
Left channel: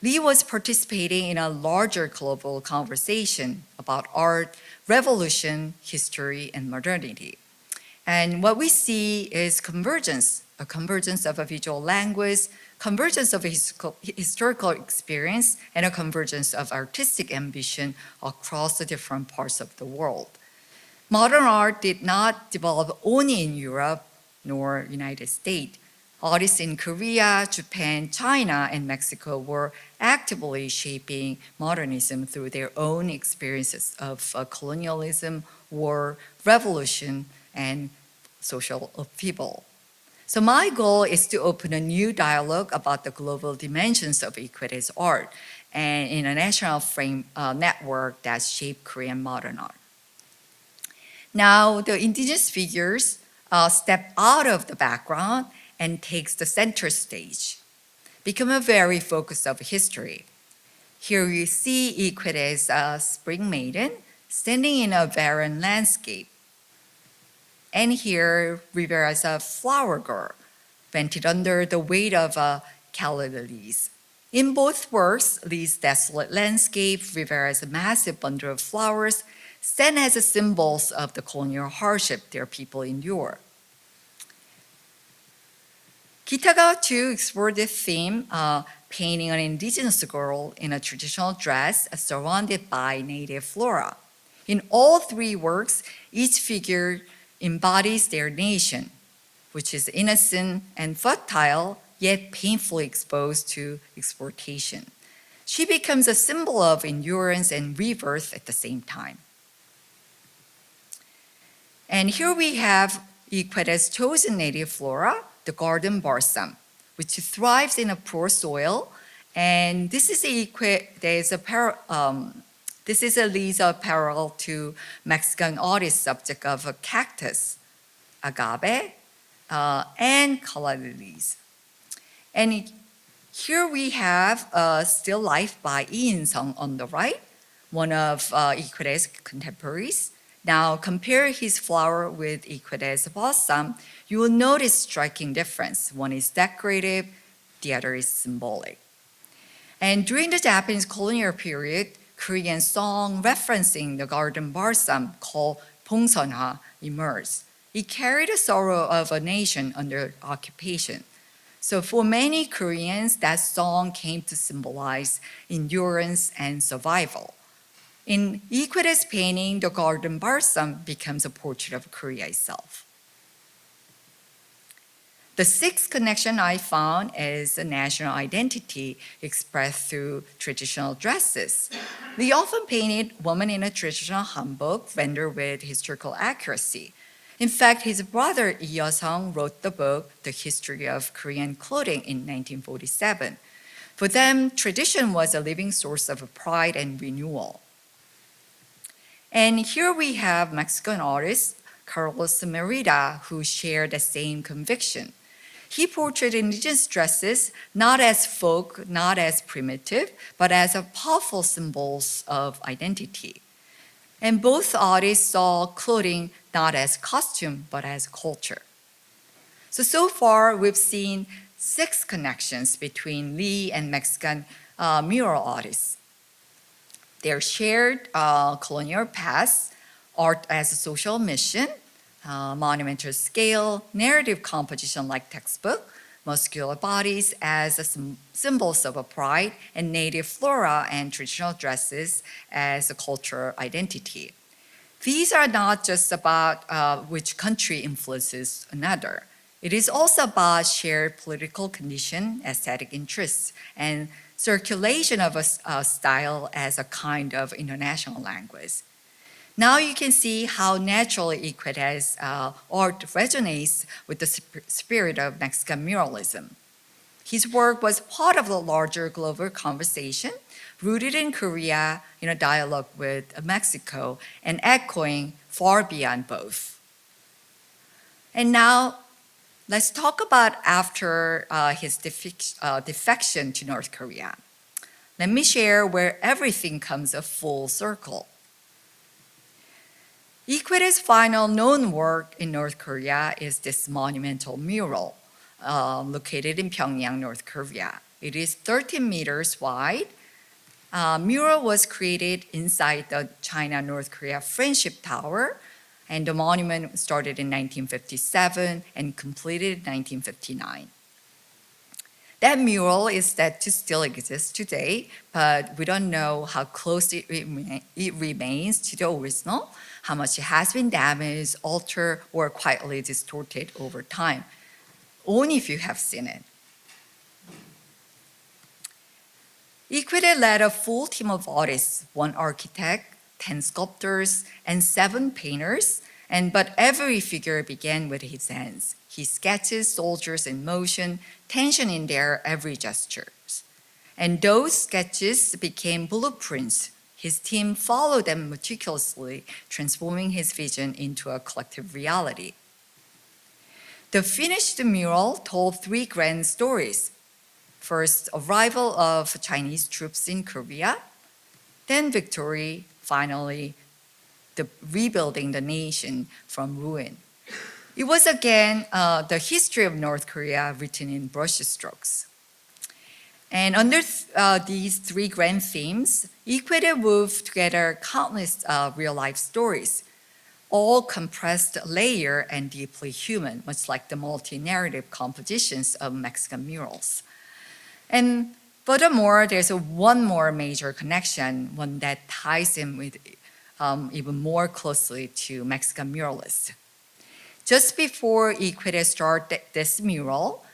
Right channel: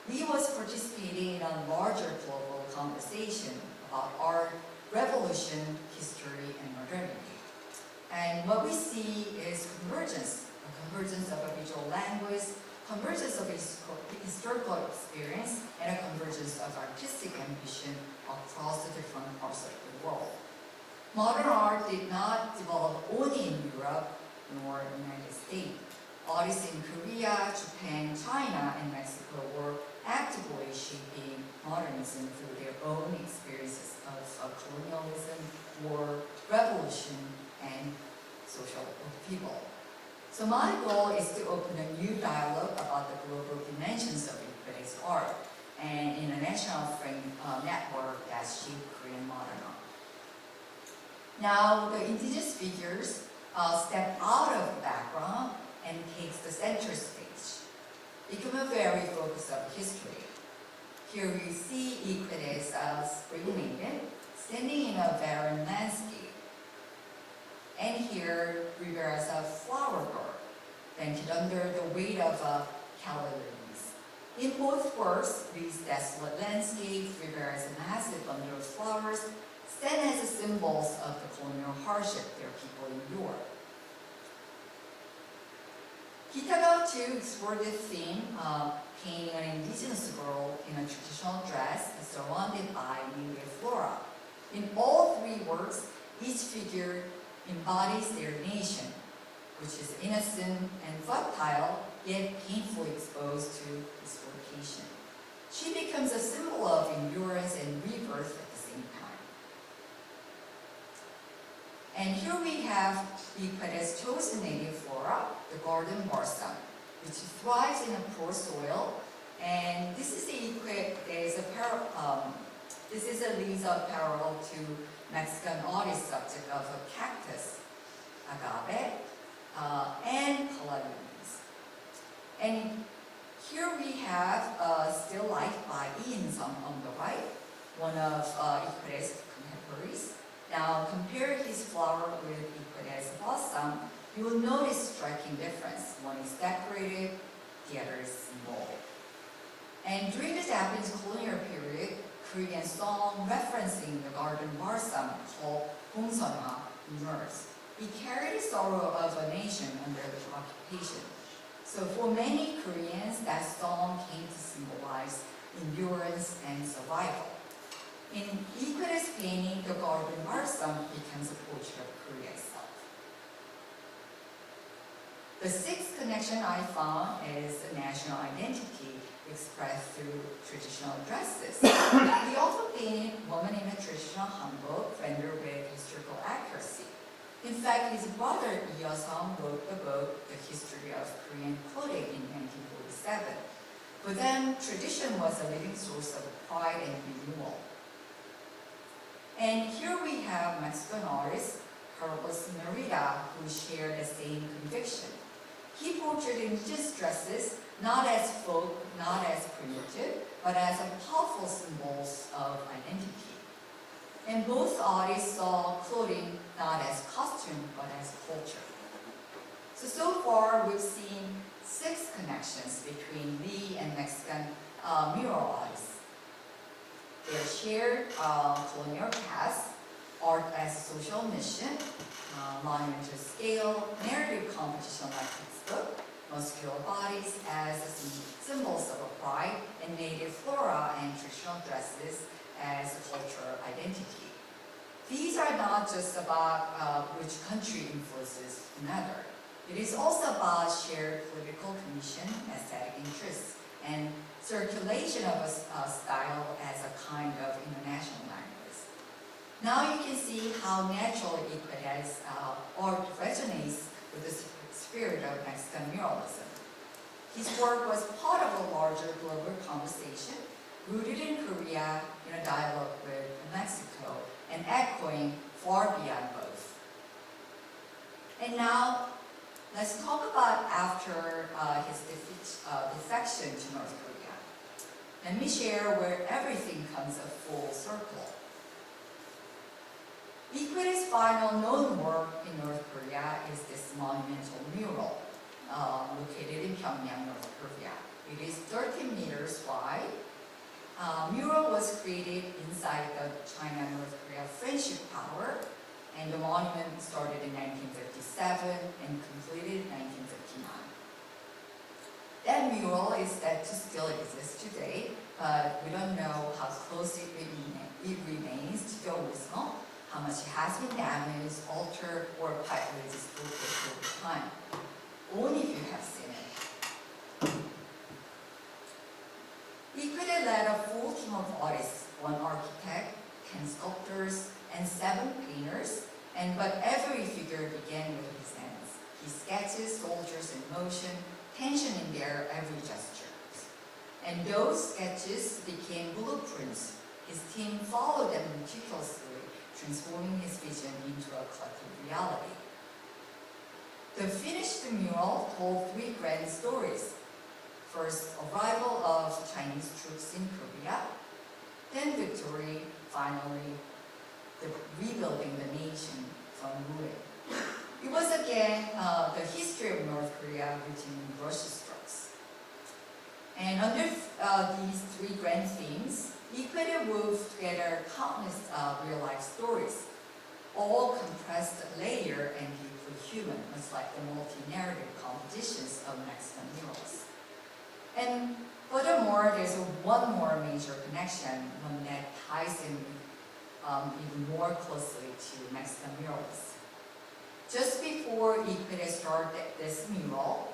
Lee was participating in a larger global conversation about art, revolution, history, and modernity. And what we see is convergence, a convergence of a visual language, convergence of a historical experience, and a convergence of artistic ambition across the different parts of the world. Modern art did not develop only in Europe nor United States. Artists in Korea, Japan, China, and Mexico were actively shaping modernism through their own experiences of colonialism, war, revolution, and social upheaval. So my goal is to open a new dialogue about the global dimensions of Qoede's art and international network that shaped Korean modern art. Now, the indigenous figures step out of the background and takes the center stage, become a very focus of history. Here you see Qoede's spring maiden standing in a barren landscape. And here Rivera's a flower girl, bended under the weight of calla lilies. In both works, Lee's desolate landscape, Rivera's massive bundle of flowers, stand as symbols of the colonial hardship their people endure. Kitagawa too explored this theme, painting an indigenous girl in a traditional dress surrounded by native flora. In all three works, each figure embodies their nation, which is innocent and fertile, yet painfully exposed to exploitation. She becomes a symbol of endurance and rebirth at the same time. And here we have Qoede's chosen native flora, the garden balsam, which thrives in a poor soil. And this is Lee's parallel to Mexican artist subject of a cactus, agave, and calla lilies. And here we have still life by Lee In-sung on the right, one of Qoede's contemporaries. Now compare his flower with Qoede's balsam, you will notice striking difference. One is decorative, the other is symbolic. And during the Japanese colonial period, Korean song referencing the garden balsam called 봉선화 emerged. It carried the sorrow of a nation under occupation. So for many Koreans, that song came to symbolize endurance and survival. In Qoede's painting, the garden balsam becomes a portrait of Korea itself. The sixth connection I found is the national identity expressed through traditional dresses. Lee often painted women in a traditional hanbok rendered with historical accuracy. In fact, his brother Lee Il-sung wrote the book, The History of Korean Clothing in 1947. For them, tradition was a living source of pride and renewal. And here we have Mexican artist Carlos Merida, who shared the same conviction. He portrayed indigenous dresses not as folk, not as primitive, but as a powerful symbols of identity. And both artists saw clothing not as costume, but as culture. So far, we've seen 6 connections between Lee and Mexican mural artists. Their shared colonial past, art as a social mission, monumental scale, narrative composition like textbook, muscular bodies as symbols of a pride, and native flora and traditional dresses as a cultural identity. These are not just about which country influences another. It is also about shared political condition, aesthetic interests, and circulation of a style as a kind of international language. Now you can see how naturally Qoede's art resonates with the spirit of Mexican muralism. His work was part of the larger global conversation, rooted in Korea in a dialogue with Mexico and echoing far beyond both. And now, let's talk about after his defection to North Korea. Let me share where everything comes a full circle. Qoede's final known work in North Korea is this monumental mural located in Pyongyang, North Korea. It is 13 meters wide. Mural was created inside the China-North Korea Friendship Tower, and the monument started in 1957 and completed in 1959. That mural is said to still exist today, but we don't know how close it remains to the original, how much it has been damaged, altered, or quietly distorted over time. Only if you have seen it. Qoede led a full team of artists, 1 architect, 10 sculptors, and 7 painters, but every figure began with his hands. He sketches soldiers in motion, tension in their every gestures. And those sketches became blueprints. His team followed them meticulously, transforming his vision into a collective reality. The finished mural told 3 grand stories. First, arrival of Chinese troops in Korea, then victory, finally, the rebuilding the nation from ruin. It was again the history of North Korea written in brushstrokes. And under these 3 grand themes, Qoede wove together countless real-life stories, all compressed, layered, and deeply human, much like the multi-narrative compositions of Mexican murals. And furthermore, there's one more major connection, one that ties him with even more closely to Mexican muralists. Just before Qoede started this mural,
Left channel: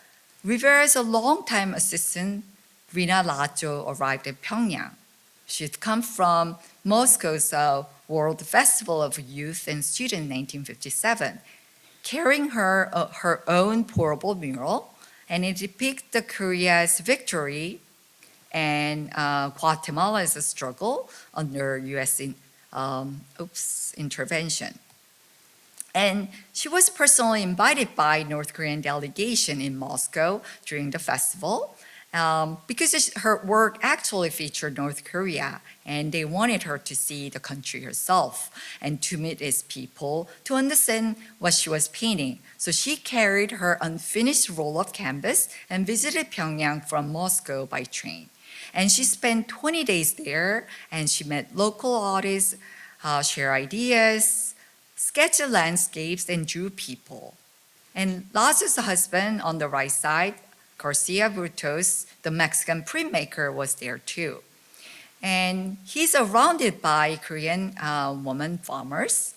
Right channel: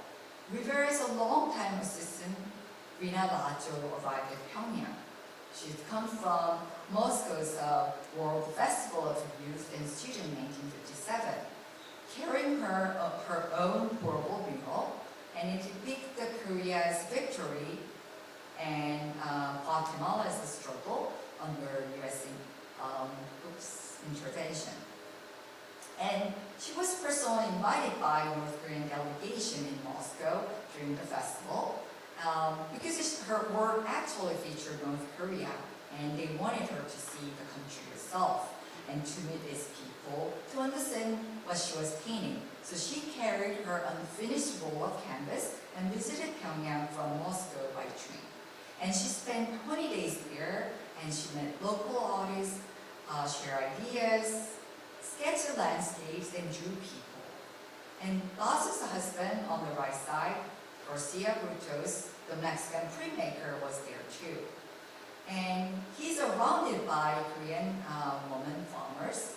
Rivera's longtime assistant, Rina Lajo, arrived at Pyongyang. She'd come from Moscow's World Festival of Youth and Students in 1957, carrying her own portable mural, and it depicts Korea's victory and Guatemala's struggle under U.S. intervention. And she was personally invited by North Korean delegation in Moscow during the festival because her work actually featured North Korea, and they wanted her to see the country herself and to meet its people, to understand what she was painting. So she carried her unfinished roll of canvas and visited Pyongyang from Moscow by train. And she spent 20 days there, and she met local artists, shared ideas, sketched landscapes, and drew people. And Lazo's husband on the right side, Garcia Brutos, the Mexican printmaker, was there too. And he's surrounded by Korean women farmers.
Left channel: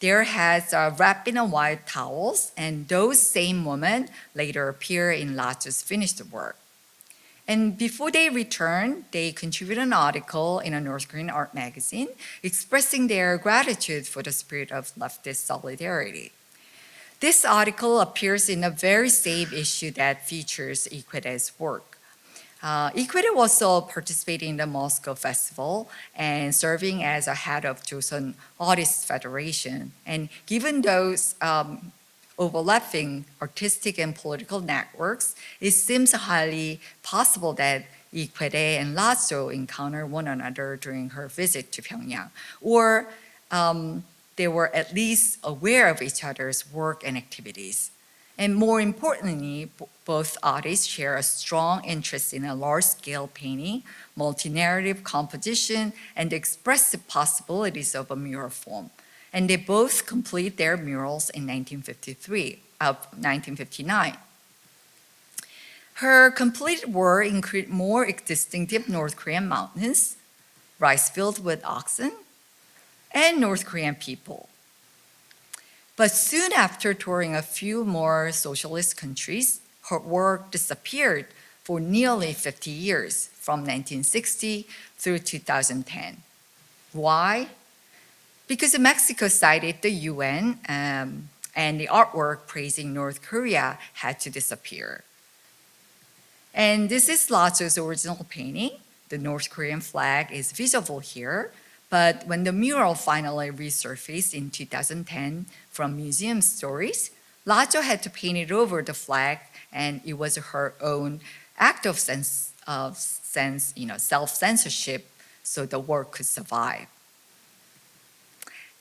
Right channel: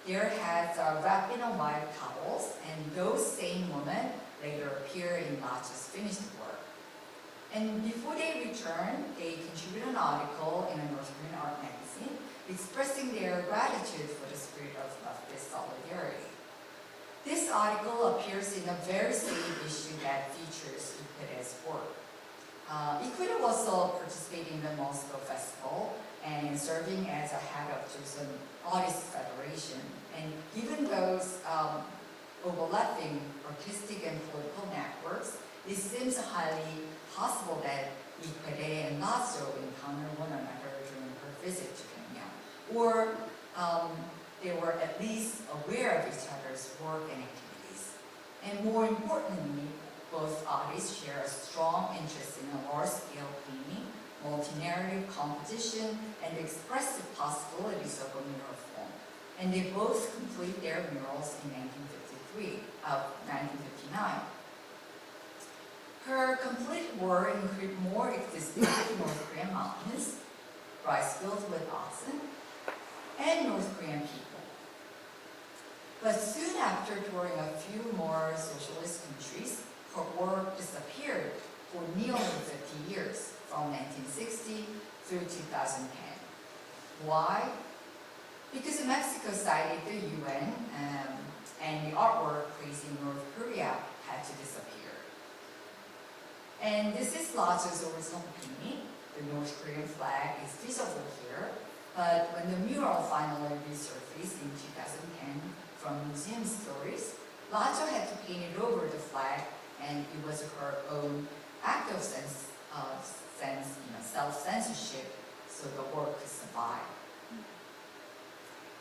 Their heads are wrapped in white towels, and those same women later appear in Lazo's finished work. And before they returned, they contributed an article in a North Korean art magazine expressing their gratitude for the spirit of leftist solidarity. This article appears in the very same issue that features Qoede's work. Qoede was also participating in the Moscow Festival and serving as a head of Joseon Artists Federation. And given those overlapping artistic and political networks, it seems highly possible that Qoede and Lazo encountered one another during her visit to Pyongyang, or they were at least aware of each other's work and activities. And more importantly, both artists share a strong interest in a large-scale painting, multi-narrative composition, and the expressive possibilities of a mural form. And they both complete their murals in 1959. Her completed work included more distinctive North Korean mountains, rice fields with oxen, and North Korean people. But soon after touring a few more socialist countries, her work disappeared for nearly 50 years, from 1960 through 2010. Why? Because Mexico cited the UN, and the artwork praising North Korea had to disappear. And this is Lazo's original painting. The North Korean flag is visible here, but when the mural finally resurfaced in 2010 from museum stories, Lazo had to paint it over the flag, and it was her own act of self-censorship so the work could survive.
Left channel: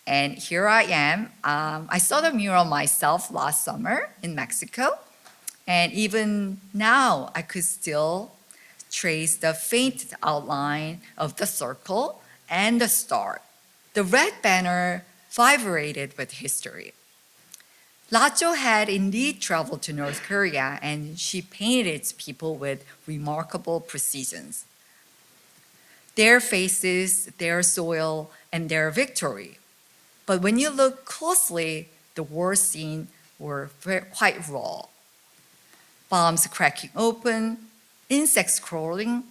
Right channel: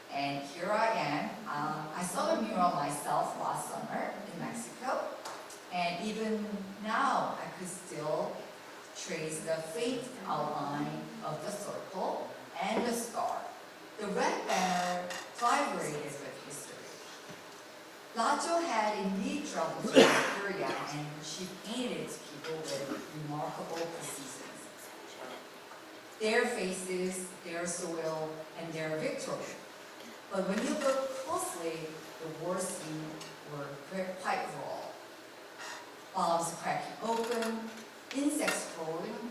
And here I am. I saw the mural myself last summer in Mexico. And even now, I could still trace the faint outline of the circle and the star. The red banner vibrated with history. Lacho had indeed traveled to North Korea, and she painted its people with remarkable precision. Their faces, their soil, and their victory. But when you look closely, the war scene were quite raw. Bombs cracking open, insects crawling,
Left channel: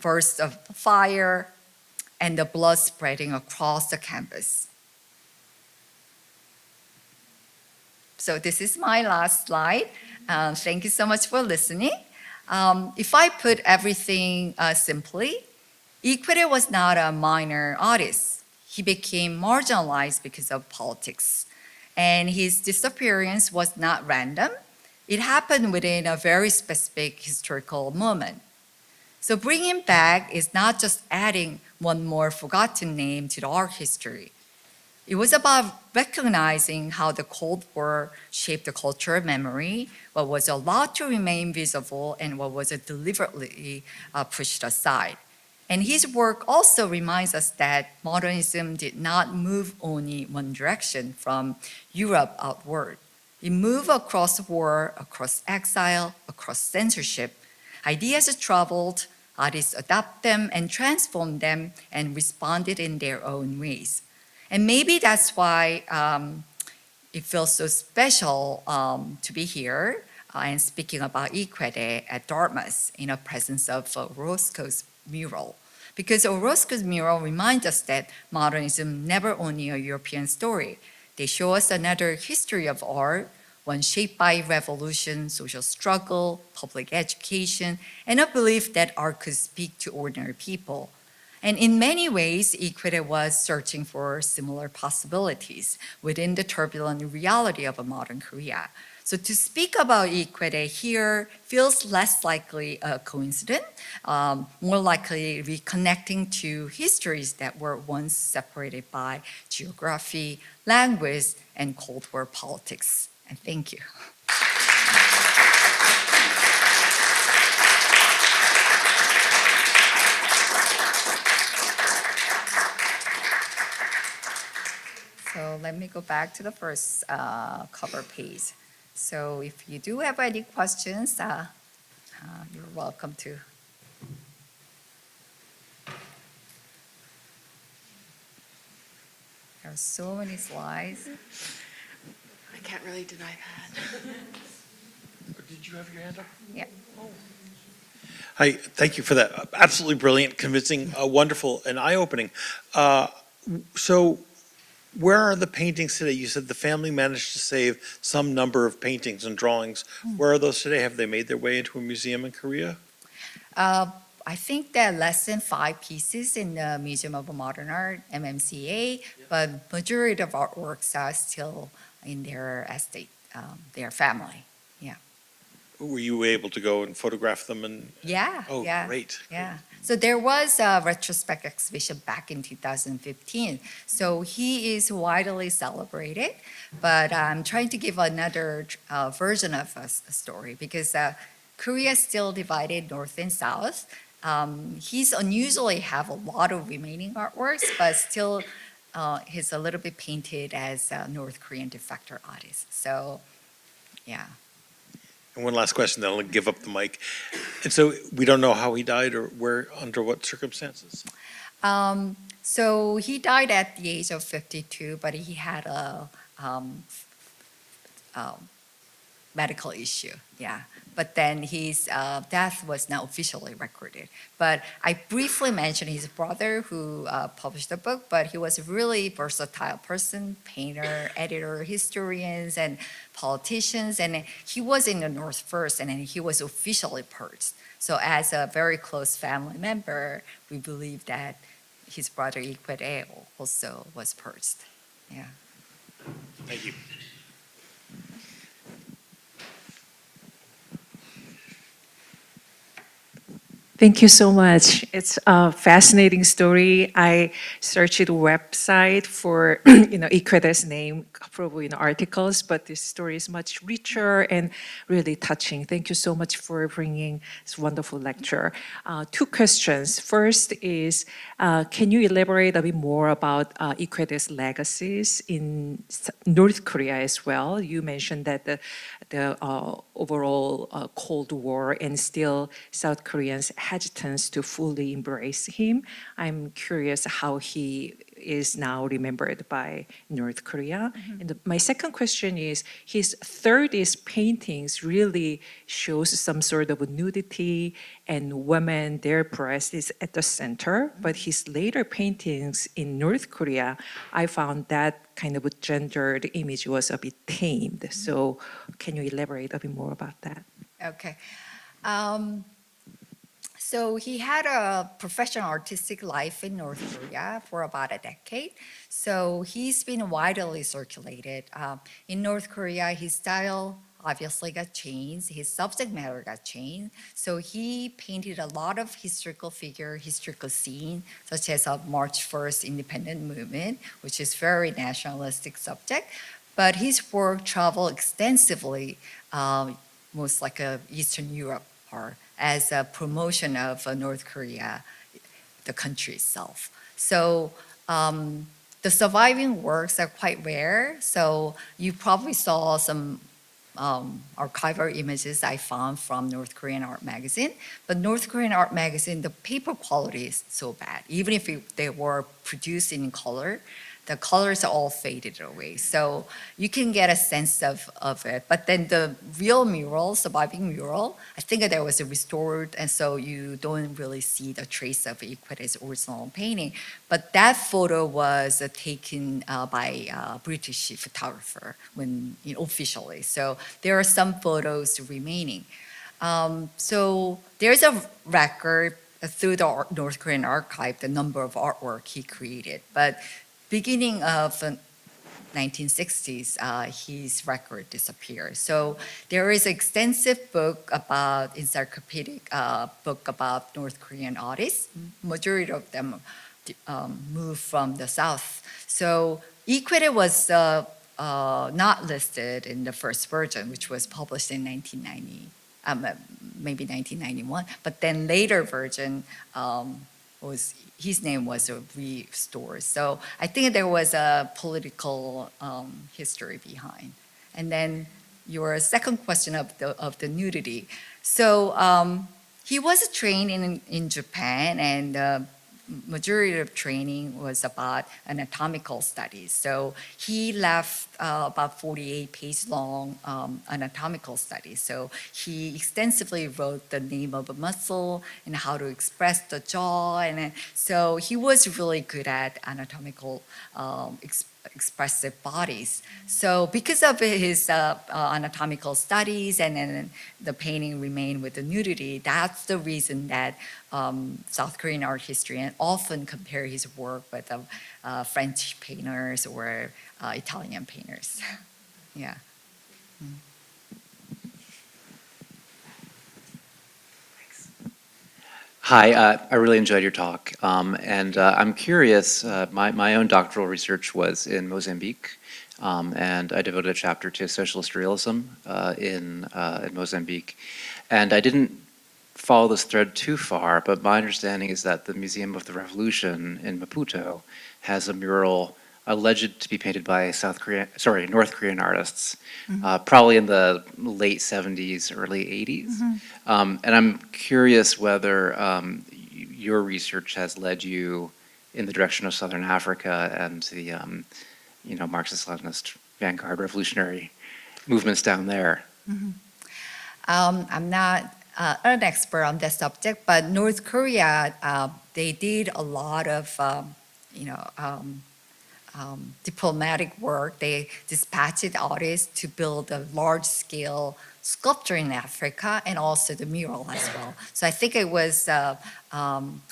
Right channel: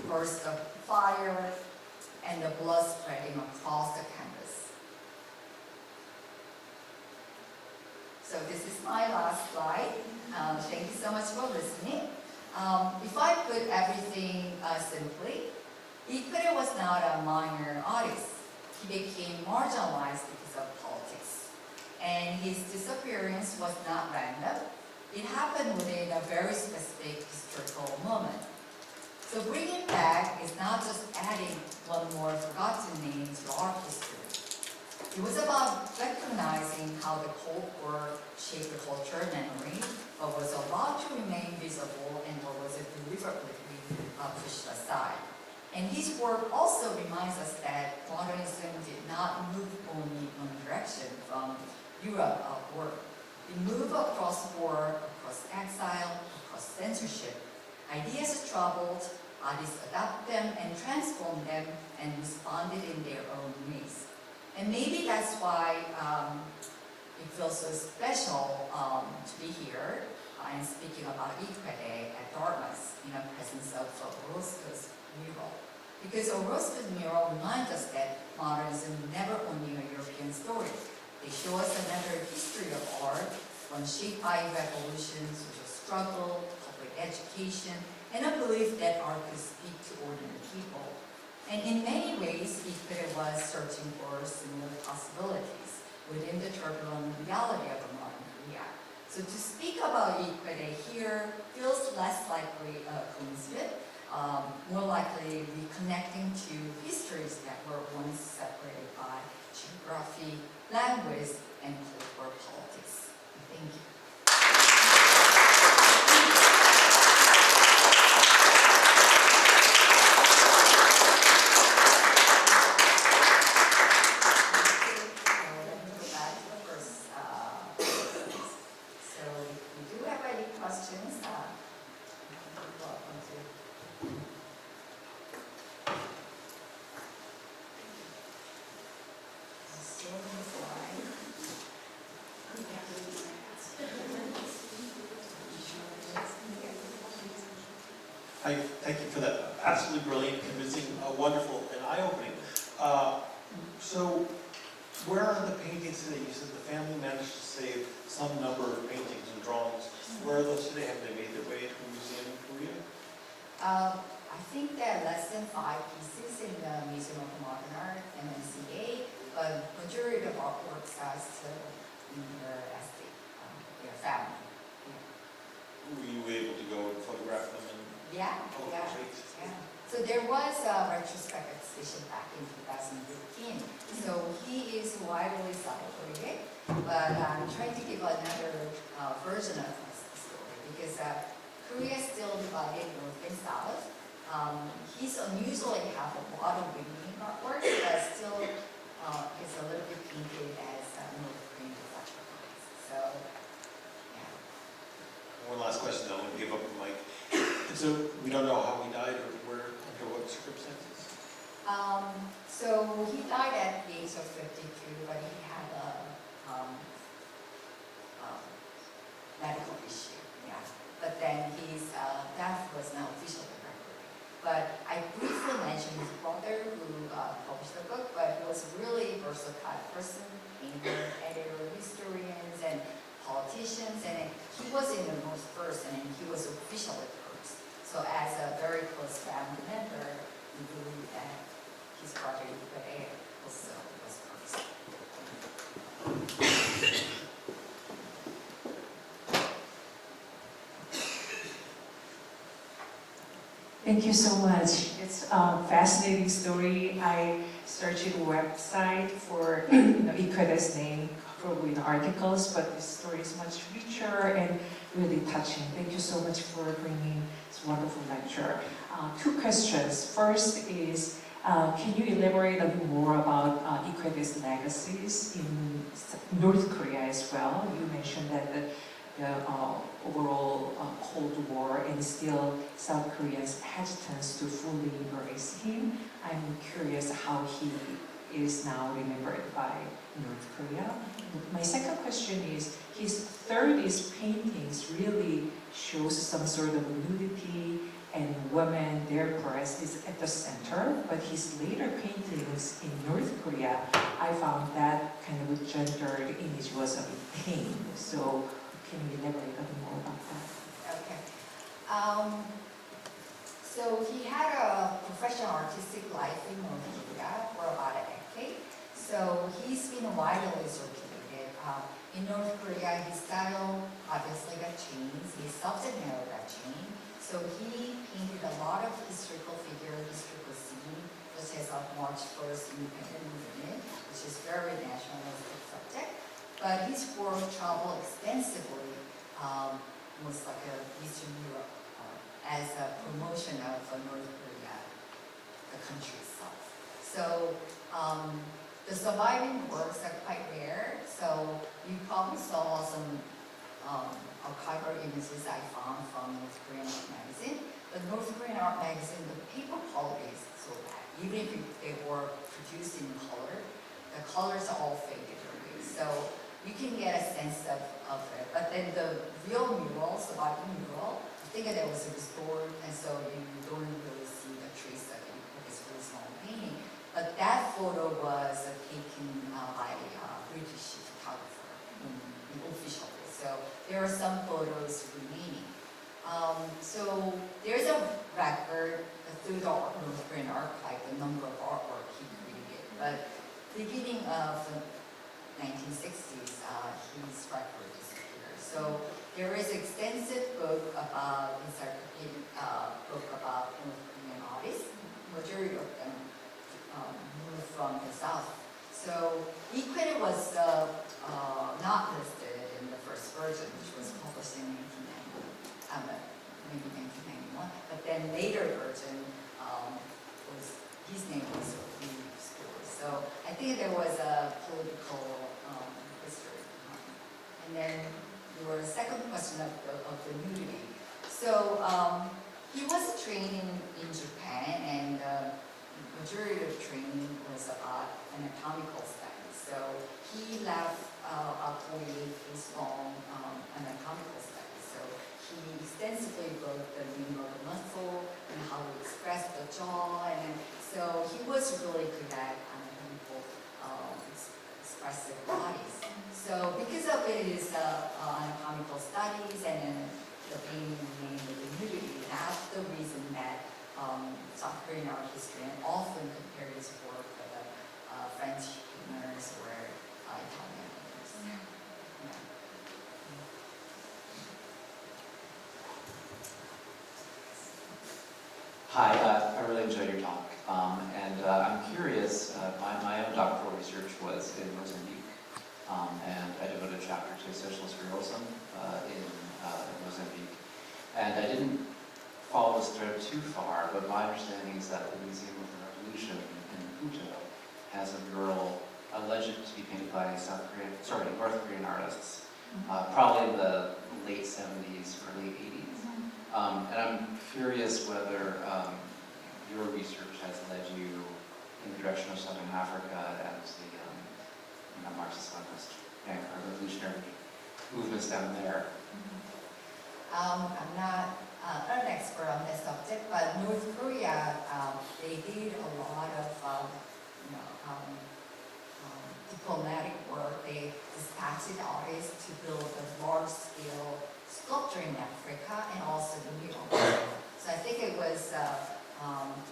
bursts of fire, and the blood spreading across the canvas. So this is my last slide. Thank you so much for listening. If I put everything simply, Qoede was not a minor artist. He became marginalized because of politics. And his disappearance was not random. It happened within a very specific historical moment. So bringing him back is not just adding one more forgotten name to the art history. It was about recognizing how the Cold War shaped the culture of memory, what was allowed to remain visible, and what was deliberately pushed aside. And his work also reminds us that modernism did not move only one direction from Europe outward. It moved across war, across exile, across censorship. Ideas traveled, artists adopted them and transformed them and responded in their own ways. And maybe that's why it feels so special to be here and speaking about Qoede at Dartmouth in the presence of Orozco's mural. Because Orozco's mural reminds us that modernism never only a European story. They show us another history of art, one shaped by revolution, social struggle, public education, and a belief that art could speak to ordinary people. And in many ways, Qoede was searching for similar possibilities within the turbulent reality of a modern Korea. So to speak about Qoede here feels less likely a coincidence, more likely reconnecting to histories that were once separated by geography, language, and Cold War politics. And thank you. So let me go back to the first cover page. So if you do have any questions, you're welcome to. There are so many slides. I can't really deny that. Yeah. Hi, thank you for that. Absolutely brilliant, convincing, wonderful, and eye-opening. So where are the paintings today? You said the family managed to save some number of paintings and drawings. Where are those today? Have they made their way into a museum in Korea? I think there are less than 5 pieces in the Museum of Modern Art, MMCA, but majority of artworks are still in their estate, their family. Yeah. Were you able to go and photograph them? And Yeah. oh, yeah, great. Yeah. So there was a retrospect exhibition back in 2015. So he is widely celebrated, but I'm trying to give another version of a story because Korea is still divided north and south. He's unusually have a lot of remaining artworks, but still he's a little bit painted as a North Korean defector artist. So, yeah. And one last question, then I'll give up the mic. And so we don't know how he died or where, under what circumstances? So he died at the age of 52, but he had a medical issue, yeah. But then his death was not officially recorded. But I briefly mentioned his brother who published the book, but he was a really versatile person, painter, editor, historians, and politicians. And he was in the North first, and then he was officially purged. So as a very close family member, we believe that his brother Qoede also was purged. Yeah. Thank you so much. It's a fascinating story. I searched the website for Qoede's name, probably in articles, but this story is much richer and really touching. Thank you so much for bringing this wonderful lecture. Two questions. First is, can you elaborate a bit more about Qoede's legacies in North Korea as well? You mentioned that the overall Cold War and still South Koreans' hesitance to fully embrace him. I'm curious how he is now remembered by North Korea. And my second question is, his 30s paintings really shows some sort of nudity and women, their breast is at the center, but his later paintings in North Korea, I found that kind of a gendered image was a bit tamed. So can you elaborate a bit more about that? Okay. So he had a professional artistic life in North Korea for about a decade. So he's been widely circulated. In North Korea, his style obviously got changed. His subject matter got changed. So he painted a lot of historical figure, historical scene, such as a March 1st independent movement, which is very nationalistic subject. But his work traveled extensively, most like Eastern Europe, or as a promotion of North Korea, the country itself. So the surviving works are quite rare. So you probably saw some archival images I found from North Korean art magazine. But North Korean art magazine, the paper quality is so bad. Even if they were produced in color, the colors are all faded away. So you can get a sense of it. But then the real mural, surviving mural, I think that was restored, and so you don't really see the trace of Qoede's original painting. But that photo was taken by a British photographer officially. So there are some photos remaining. So there's a record through the North Korean archive, the number of artwork he created. But beginning of the 1960s, his record disappeared. So there is an extensive book about, encyclopedic book about North Korean artists. Majority of them moved from the South. So Qoede was not listed in the first version, which was published in 1990, maybe 1991. But then later version his name was restored. So I think there was a political history behind. And then your second question of the nudity. So he was trained in Japan, and majority of training was about anatomical studies. So he left about 48-page long anatomical studies. So he extensively wrote the name of a muscle and how to express the jaw. And so he was really good at anatomical expressive bodies. So because of his anatomical studies and then the painting remained with the nudity, that's the reason that South Korean art historians often compare his work with French painters or Italian painters. Yeah. Hi, I really enjoyed your talk. And I'm curious, my own doctoral research was in Mozambique, and I devoted a chapter to socialist realism in Mozambique. And I didn't follow this thread too far, but my understanding is that the Museum of the Revolution in Maputo has a mural alleged to be painted by North Korean artists, probably in the late 70s, early 80s. And I'm curious whether your research has led you in the direction of Southern Africa and the Marxist-Leninist vanguard revolutionary movements down there. I'm not an expert on that subject, but North Korea, they did a lot of, diplomatic work. They dispatched artists to build a large-scale sculpture in Africa and also the mural as well. So I think it was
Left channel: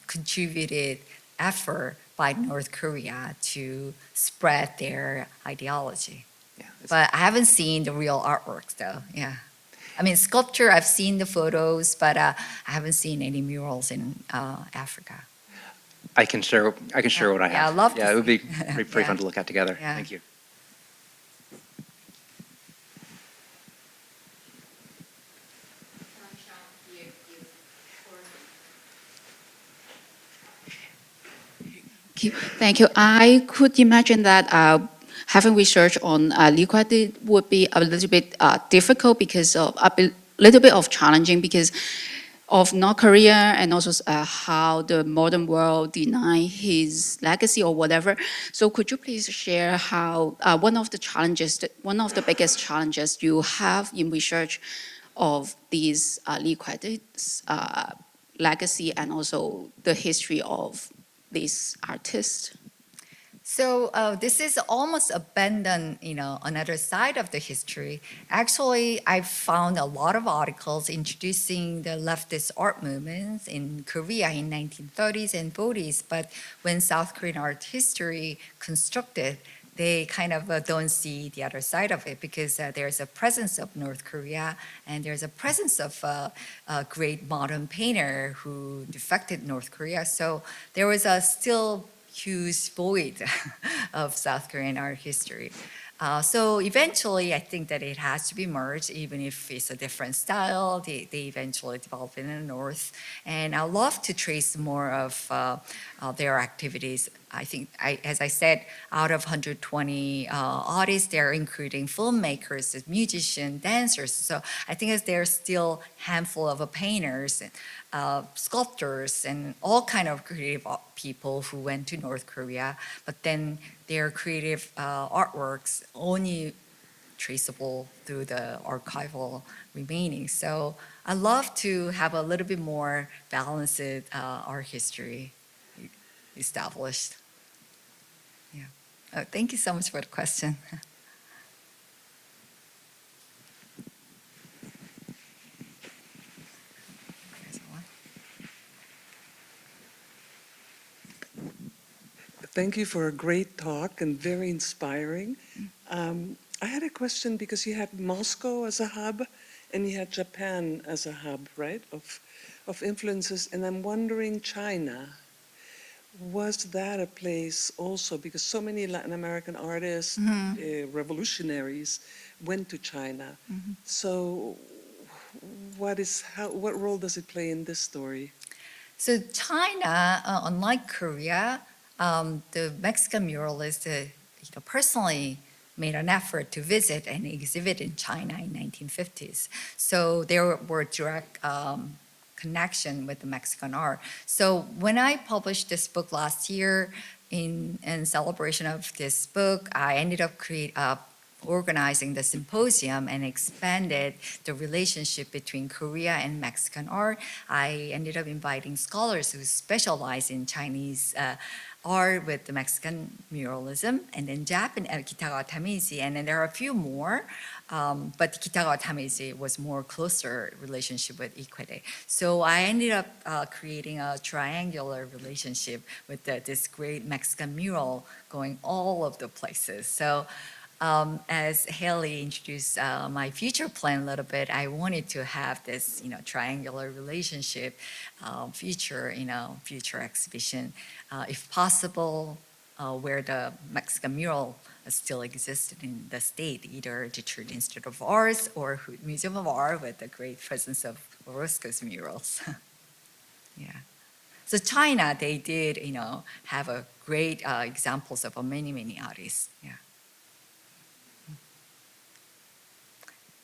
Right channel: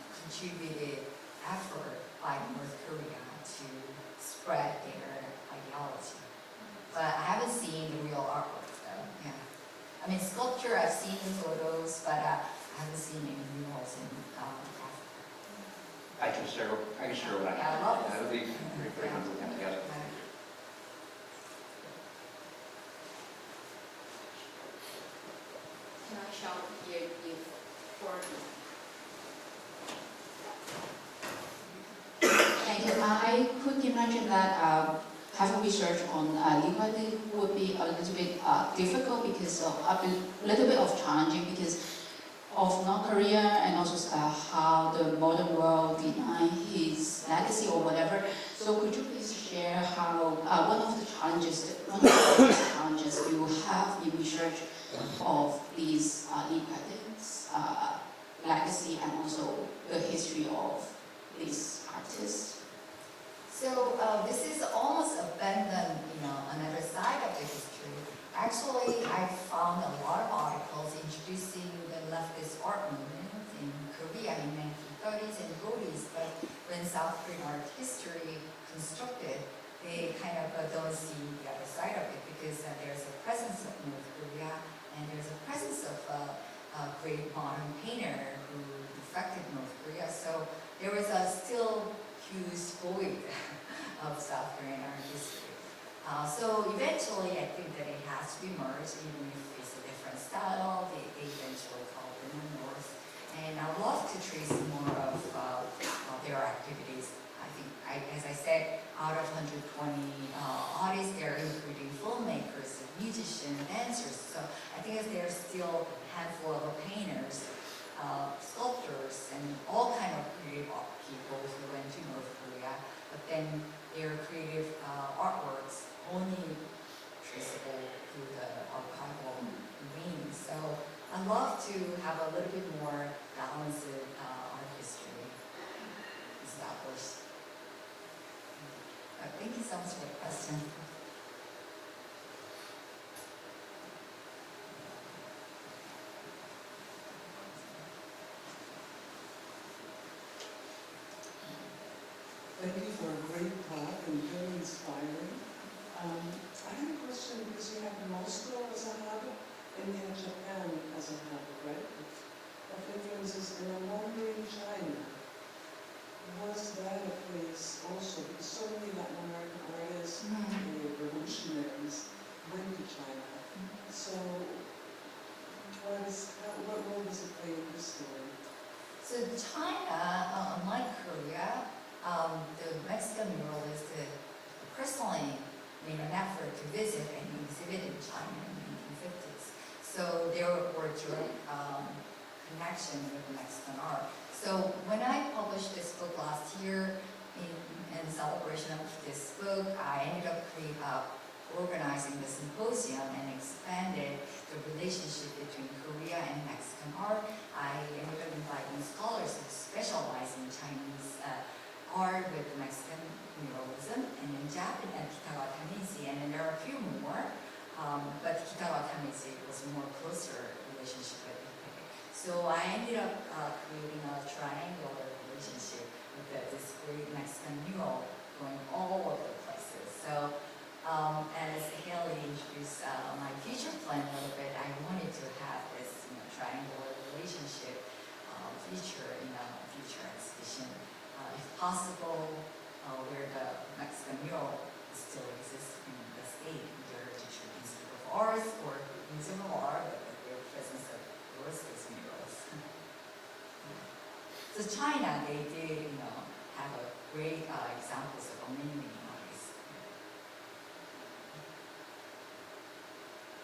contributed effort by North Korea to spread their ideology. Yeah, But I haven't seen the real artwork though, yeah. I mean, sculpture, I've seen the photos, but I haven't seen any murals in Africa. I can share what I have. Yeah, I'd love to Yeah, it would be see. pretty fun to look at together. Yeah. Thank you. Thank you. I could imagine that having research on Qoede would be a little bit difficult because of little bit of challenging because of North Korea and also how the modern world deny his legacy or whatever. So could you please share how one of the biggest challenges you have in research of these Qoede's legacy and also the history of this artist? So this is almost abandoned, another side of the history. Actually, I found a lot of articles introducing the leftist art movements in Korea in 1930s and 40s, but when South Korean art history constructed, they kind of don't see the other side of it because there's a presence of North Korea and there's a presence of a great modern painter who defected North Korea. So there was a still huge void of South Korean art history. So eventually, I think that it has to be merged, even if it's a different style. They eventually develop in the north, and I love to trace more of their activities. I think, as I said, out of 120 artists, they're including filmmakers, musicians, dancers. So I think there's still a handful of painters, sculptors, and all kind of creative people who went to North Korea, but then their creative artworks only traceable through the archival remaining. So I love to have a little bit more balanced art history established. Yeah. Thank you so much for the question. Thank you for a great talk and very inspiring. I had a question because you had Moscow as a hub and you had Japan as a hub, right, of influences, and I'm wondering China. Was that a place also, because so many Latin American artists, revolutionaries, went to China. So what role does it play in this story? So China, unlike Korea, the Mexican muralist personally made an effort to visit and exhibit in China in 1950s. So there were direct connection with Mexican art. So when I published this book last year, in celebration of this book, I ended up organizing the symposium and expanded the relationship between Korea and Mexican art. I ended up inviting scholars who specialize in Chinese art with the Mexican muralism, and then Japanese, Kitagawa Tamizi, and then there are a few more. But Kitagawa Tamizi was more closer relationship with Qoede. So I ended up creating a triangular relationship with this great Mexican mural going all of the places. So as Haley introduced my future plan a little bit, I wanted to have this triangular relationship feature in a future exhibition, if possible, where the Mexican mural still exists in the state, either Detroit Institute of Arts or Museum of Art, with the great presence of Orozco's murals. Yeah. So China, they did, have a great examples of many, many artists. Yeah.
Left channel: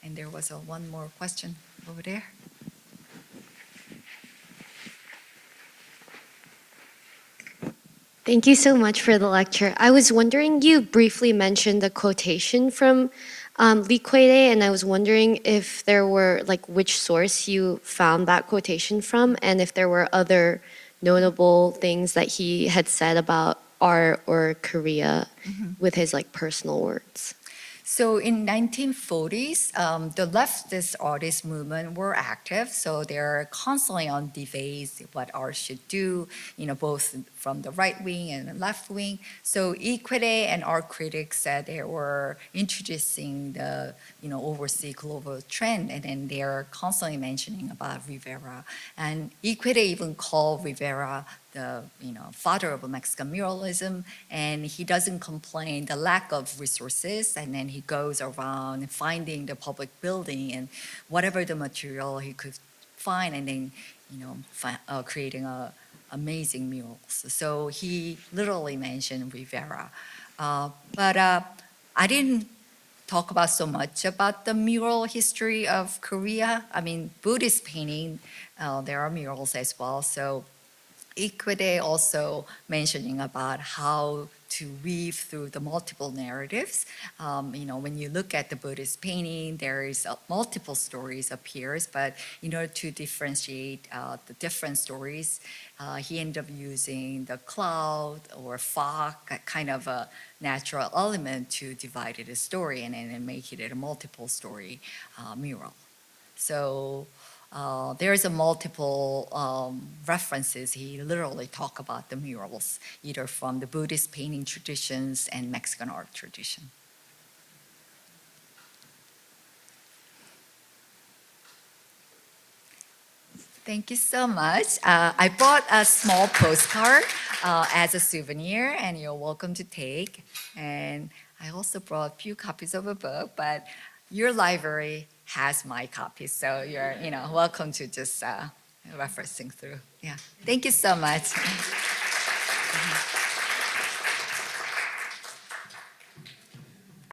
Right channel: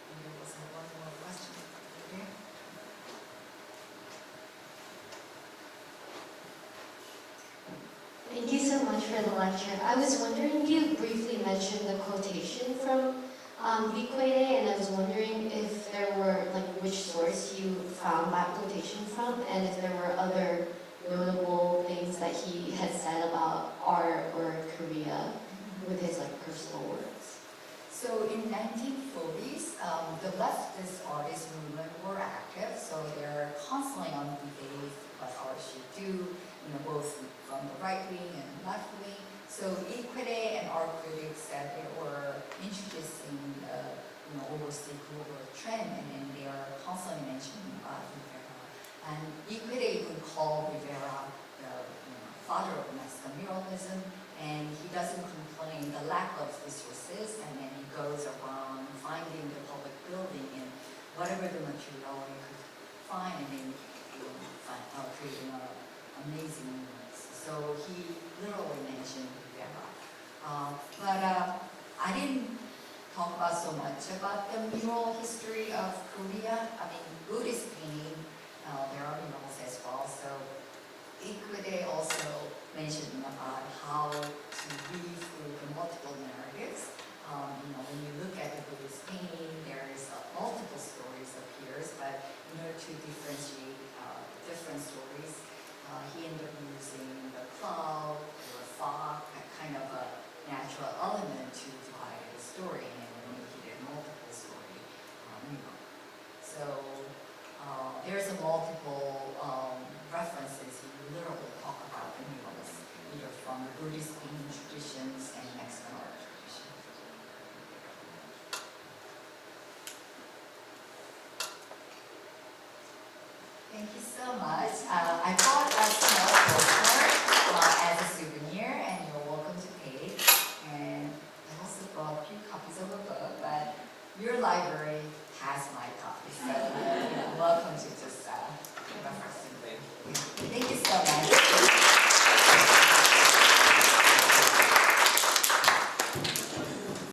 And there was one more question over there. Thank you so much for the lecture. I was wondering, you briefly mentioned the quotation from Qoede, and I was wondering if there were, which source you found that quotation from, and if there were other notable things that he had said about art or Korea with his personal words. So in 1940s, the leftist artist movement were active, so they're constantly on debates what art should do, both from the right wing and the left wing. So Qoede and art critics said they were introducing the, oversee global trend, and then they're constantly mentioning about Rivera. And Qoede even called Rivera the father of Mexican muralism, and he doesn't complain the lack of resources, and then he goes around finding the public building and whatever the material he could find, and then creating amazing murals. So he literally mentioned Rivera, but I didn't talk about so much about the mural history of Korea. I mean, Buddhist painting, there are murals as well. So Qoede also mentioning about how to weave through the multiple narratives. When you look at the Buddhist painting, there is multiple stories appears, but in order to differentiate the different stories, he ended up using the cloud or fog, kind of a natural element to divide it a story and then make it a multiple story mural. So there's a multiple references. He literally talk about the murals, either from the Buddhist painting traditions and Mexican art tradition. Thank you so much. I bought a small postcard as a souvenir, and you're welcome to take. And I also brought a few copies of a book, but your library has my copies, so you're welcome to just referencing through. Yeah. Thank you so much.